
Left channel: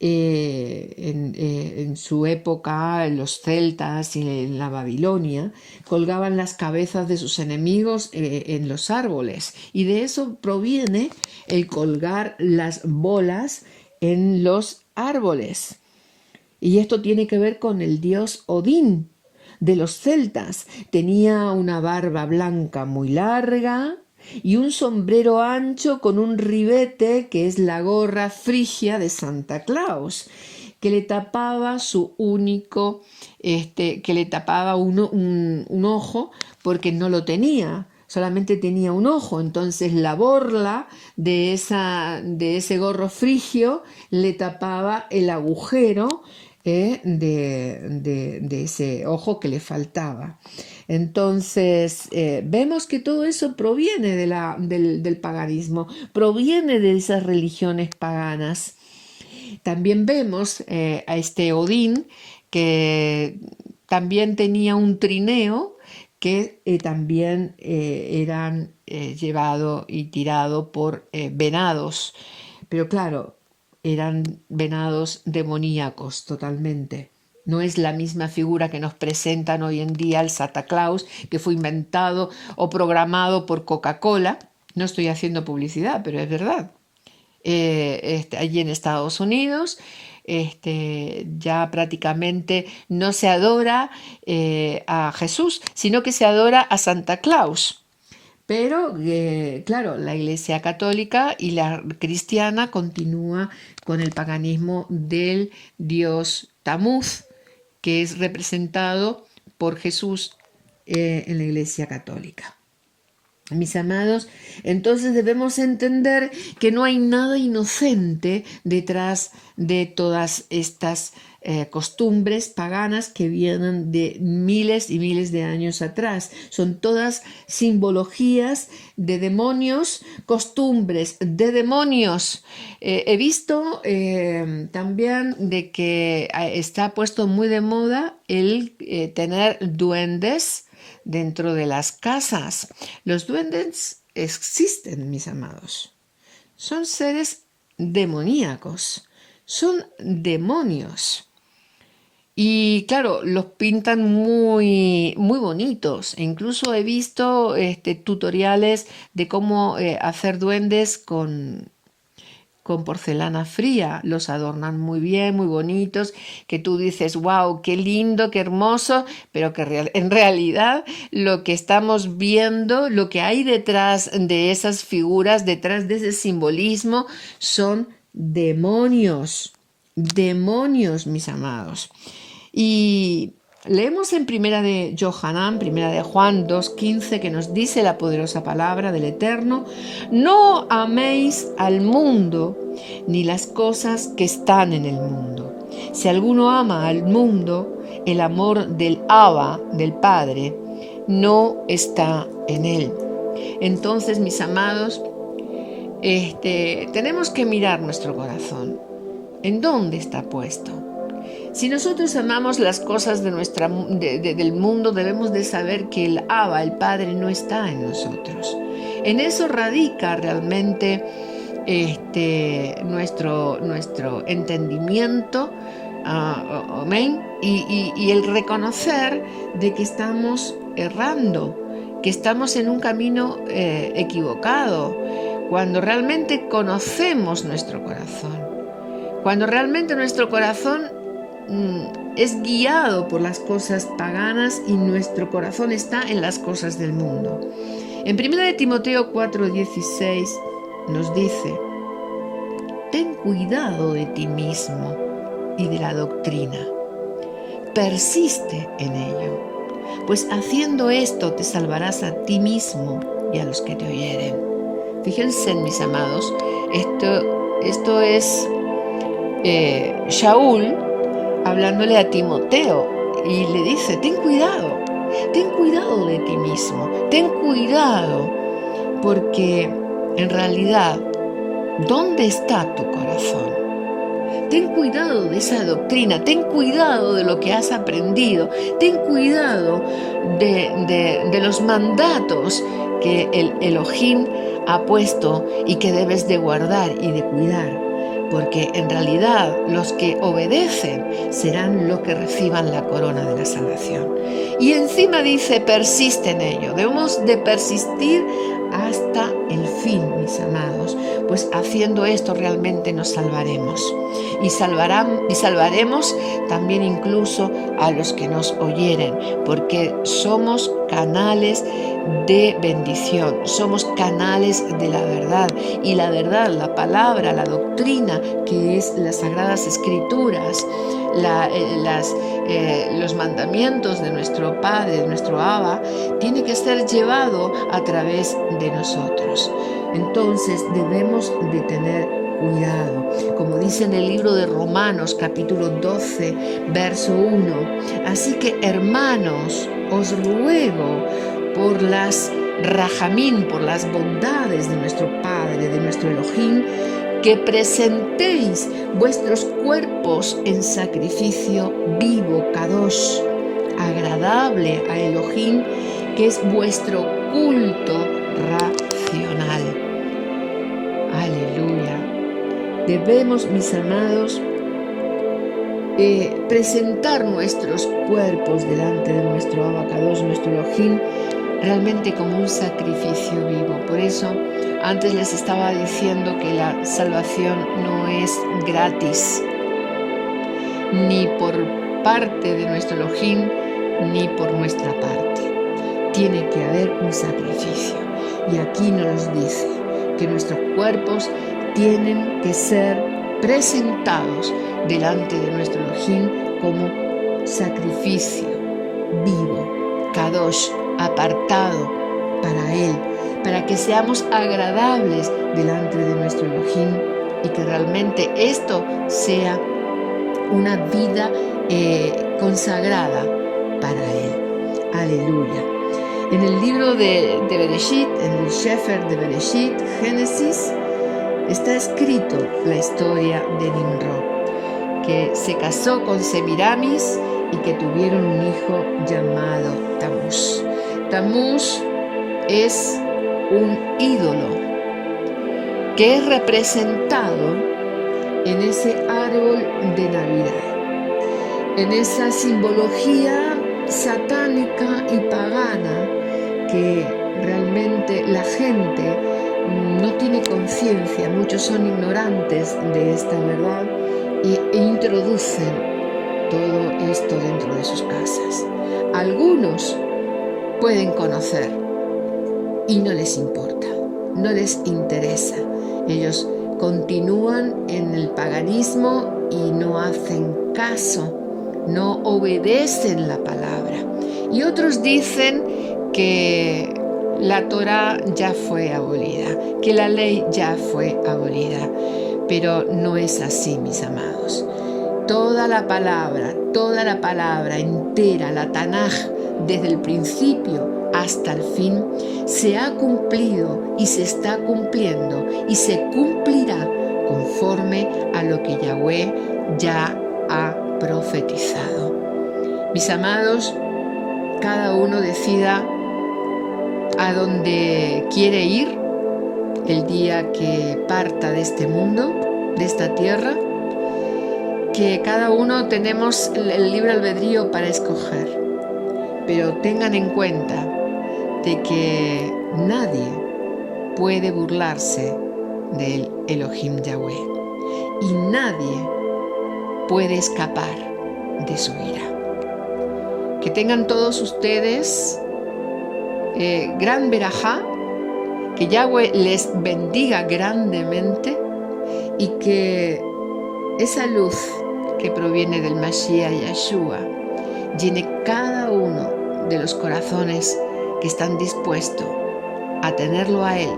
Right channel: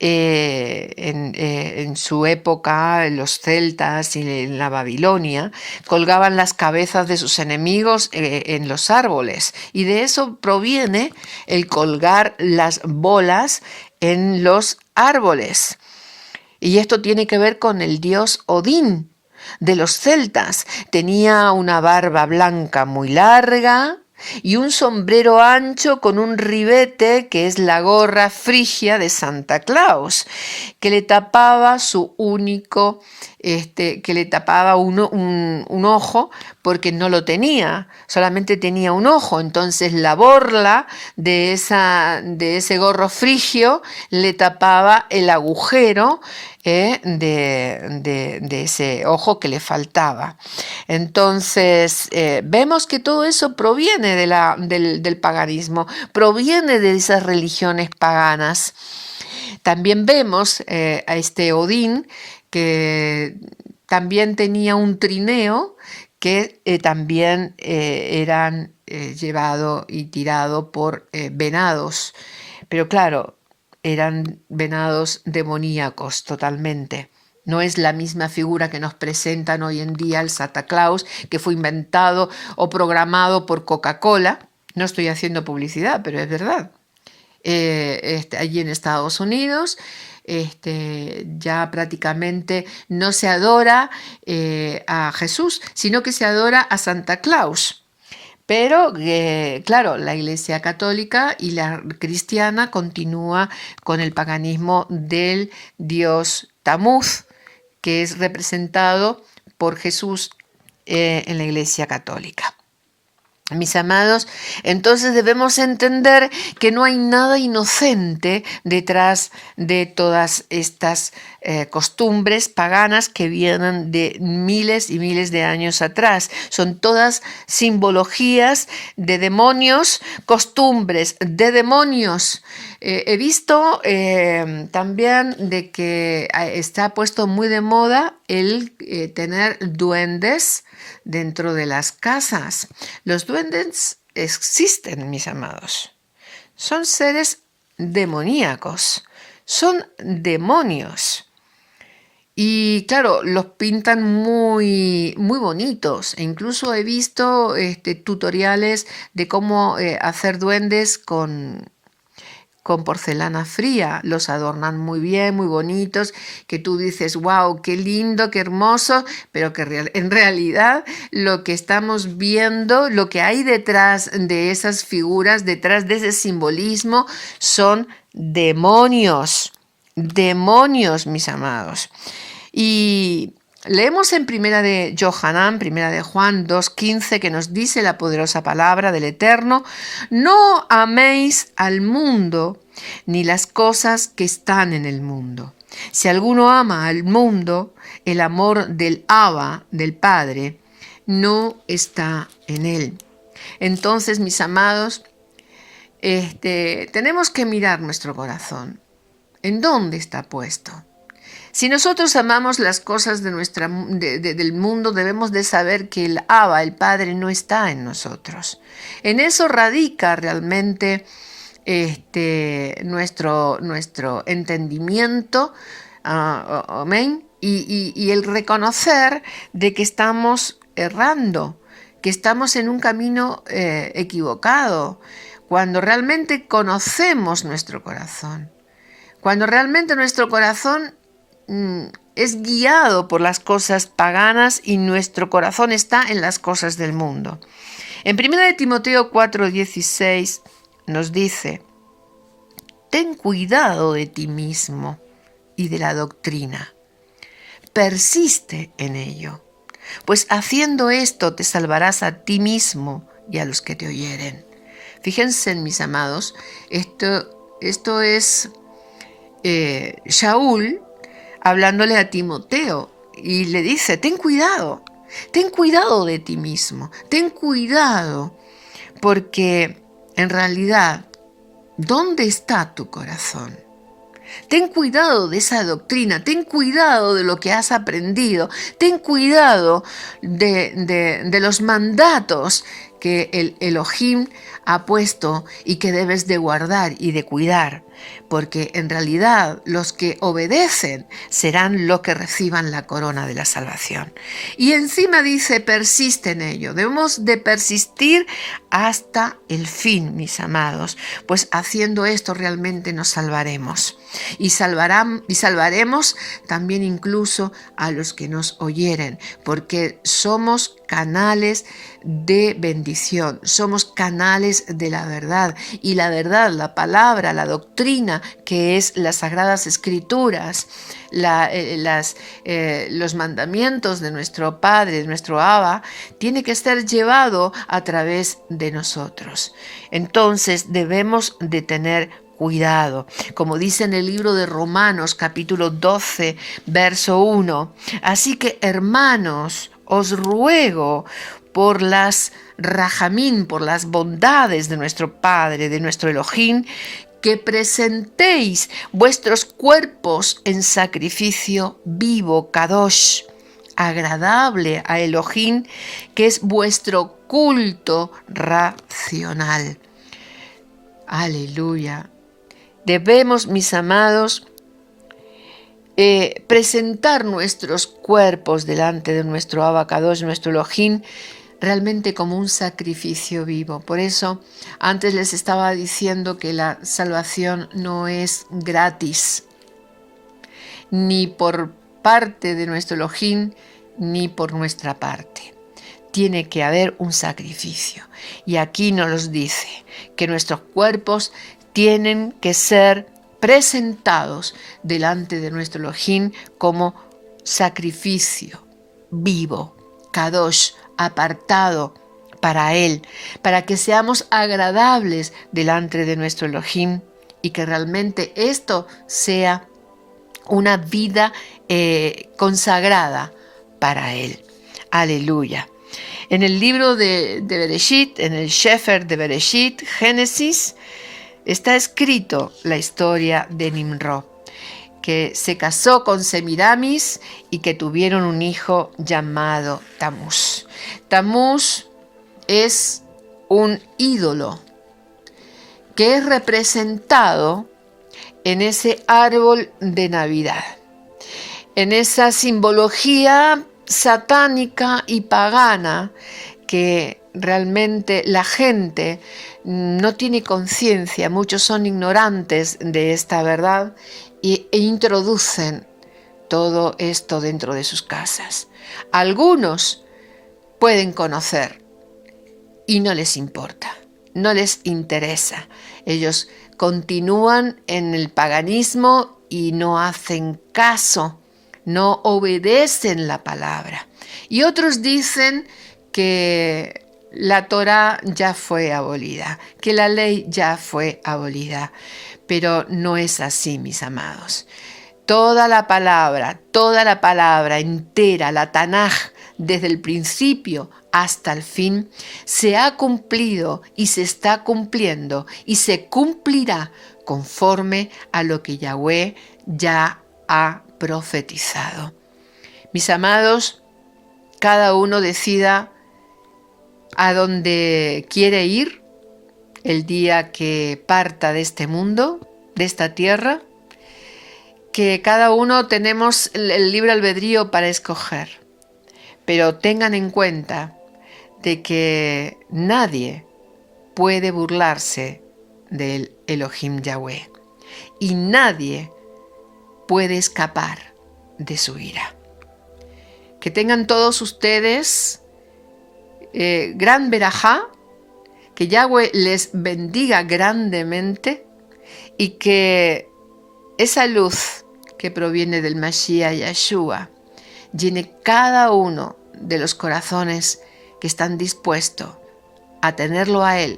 en su época, los celtas y en la Babilonia, colgaban las cabezas de sus enemigos en los árboles. Y de eso proviene el colgar las bolas en los árboles. Y esto tiene que ver con el dios Odín de los celtas. Tenía una barba blanca muy larga y un sombrero ancho con un ribete, que es la gorra frigia de Santa Claus, que le tapaba su único, que le tapaba un ojo, porque no lo tenía, solamente tenía un ojo. Entonces la borla de ese gorro frigio le tapaba el agujero de ese ojo que le faltaba. Entonces vemos que todo eso proviene del paganismo, proviene de esas religiones paganas. También vemos a este Odín, que también tenía un trineo, que también eran llevado y tirado por venados. Pero claro, eran venados demoníacos totalmente. No es la misma figura que nos presentan hoy en día el Santa Claus, que fue inventado o programado por Coca-Cola. No estoy haciendo publicidad, pero es verdad. Allí en Estados Unidos, ya prácticamente no se adora a Jesús, sino que se adora a Santa Claus. Pero, claro, la Iglesia Católica y la cristiana continúa con el paganismo del dios Tamuz, que es representado por Jesús en la Iglesia Católica. Mis amados, entonces debemos entender que no hay nada inocente detrás de todas estas costumbres paganas que vienen de miles y miles de años atrás. Son todas simbologías de demonios, costumbres de demonios. He visto también de que está puesto muy de moda el tener duendes dentro de las casas. Los duendes existen, mis amados. Son seres demoníacos. son demonios. Y claro, los pintan muy, muy bonitos. E incluso he visto tutoriales de cómo hacer duendes con porcelana fría. Los adornan muy bien, muy bonitos, que tú dices, wow, qué lindo, qué hermoso, pero que en realidad lo que estamos viendo, lo que hay detrás de esas figuras, detrás de ese simbolismo, son demonios. Demonios, mis amados. Y leemos en primera de Johanán, primera de Juan 2:15, que nos dice la poderosa palabra del Eterno: no améis al mundo ni las cosas que están en el mundo. Si alguno ama al mundo, el amor del Abba, del Padre, no está en él. Entonces, mis amados, tenemos que mirar nuestro corazón. ¿En dónde está puesto? Si nosotros amamos las cosas del mundo, debemos de saber que el Abba, el Padre, no está en nosotros. En eso radica realmente nuestro entendimiento, amén, y el reconocer de que estamos errando, que estamos en un camino equivocado, cuando realmente conocemos nuestro corazón, cuando realmente nuestro corazón es guiado por las cosas paganas y nuestro corazón está en las cosas del mundo. En 1 Timoteo 4:16 nos dice: ten cuidado de ti mismo y de la doctrina. Persiste en ello, pues haciendo esto te salvarás a ti mismo y a los que te oyeren. Fíjense, mis amados, esto es Shaul hablándole a Timoteo y le dice: ten cuidado de ti mismo, ten cuidado, porque en realidad, ¿dónde está tu corazón? Ten cuidado de esa doctrina, ten cuidado de lo que has aprendido, ten cuidado de los mandatos que el Elohim ha puesto y que debes de guardar y de cuidar, porque en realidad los que obedecen serán los que reciban la corona de la salvación. Y encima dice: persiste en ello. Debemos de persistir hasta el fin, mis amados, pues haciendo esto realmente nos salvaremos y salvaremos también incluso a los que nos oyeren, porque somos canales de bendición, somos canales de la verdad, y la verdad, la palabra, la doctrina, que es las Sagradas Escrituras, los mandamientos de nuestro Padre, de nuestro Abba, tiene que ser llevado a través de nosotros. Entonces debemos de tener cuidado, como dice en el libro de Romanos capítulo 12, verso 1. Así que, hermanos, os ruego por las rajamín, por las bondades de nuestro Padre, de nuestro Elohim, que presentéis vuestros cuerpos en sacrificio vivo, kadosh, agradable a Elohim, que es vuestro culto racional. Aleluya. Debemos, mis amados, presentar nuestros cuerpos delante de nuestro Abba Kadosh, nuestro Elohim, realmente como un sacrificio vivo. Por eso antes les estaba diciendo que la salvación no es gratis, ni por parte de nuestro Elohim, ni por nuestra parte. Tiene que haber un sacrificio. Y aquí nos dice que nuestros cuerpos tienen que ser presentados delante de nuestro Elohim como sacrificio vivo, kadosh, apartado para Él, para que seamos agradables delante de nuestro Elohim y que realmente esto sea una vida consagrada para Él. Aleluya. En el libro de Bereshit, en el Sefer de Bereshit, Génesis, está escrito la historia de Nimrod, que se casó con Semiramis y que tuvieron un hijo llamado Tamuz. Tamuz es un ídolo que es representado en ese árbol de Navidad, en esa simbología satánica y pagana que realmente la gente no tiene conciencia, muchos son ignorantes de esta verdad e introducen todo esto dentro de sus casas. Algunos pueden conocer y no les importa, no les interesa. Ellos continúan en el paganismo y no hacen caso, no obedecen la palabra. Y otros dicen que la Torá ya fue abolida, que la ley ya fue abolida, pero no es así, mis amados. Toda la palabra entera, la Tanaj, desde el principio hasta el fin, se ha cumplido y se está cumpliendo y se cumplirá conforme a lo que Yahweh ya ha profetizado. Mis amados, cada uno decida a dónde quiere ir el día que parta de este mundo, de esta tierra, que cada uno tenemos el libre albedrío para escoger, pero tengan en cuenta de que nadie puede burlarse del Elohim Yahweh y nadie puede escapar de su ira. Que tengan todos ustedes gran verajá, que Yahweh les bendiga grandemente y que esa luz que proviene del Mashiach Yeshua llene cada uno de los corazones que están dispuestos a tenerlo a Él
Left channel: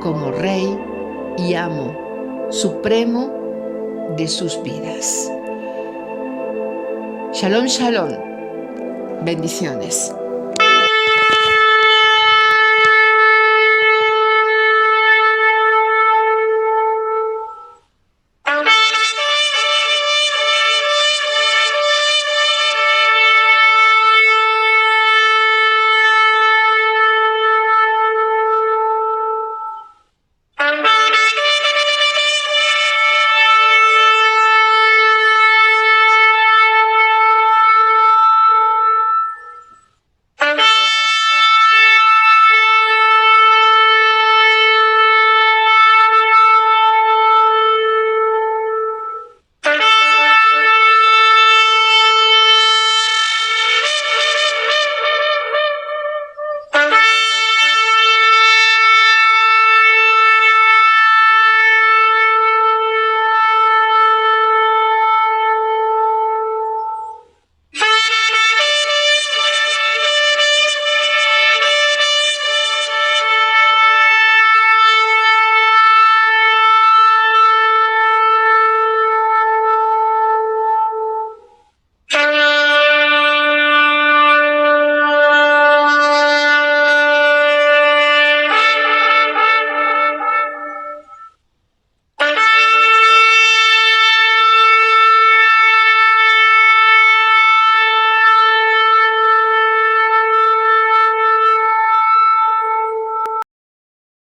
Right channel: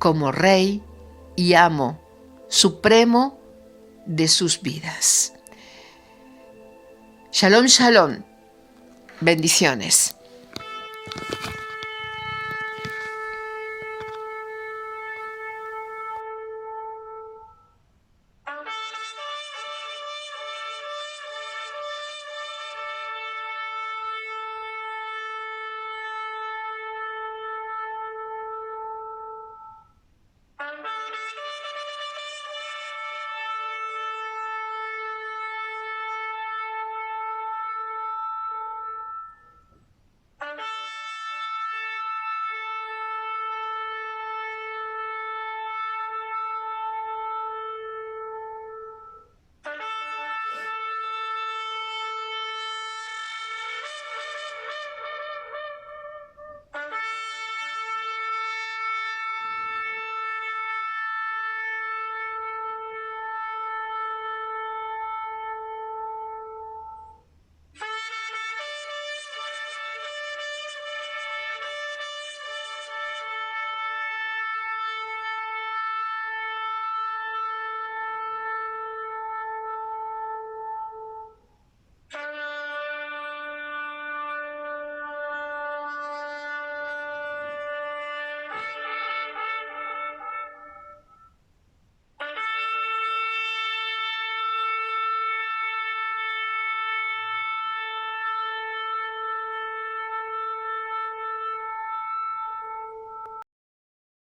como Rey y Amo supremo de sus vidas. Shalom, shalom. Bendiciones.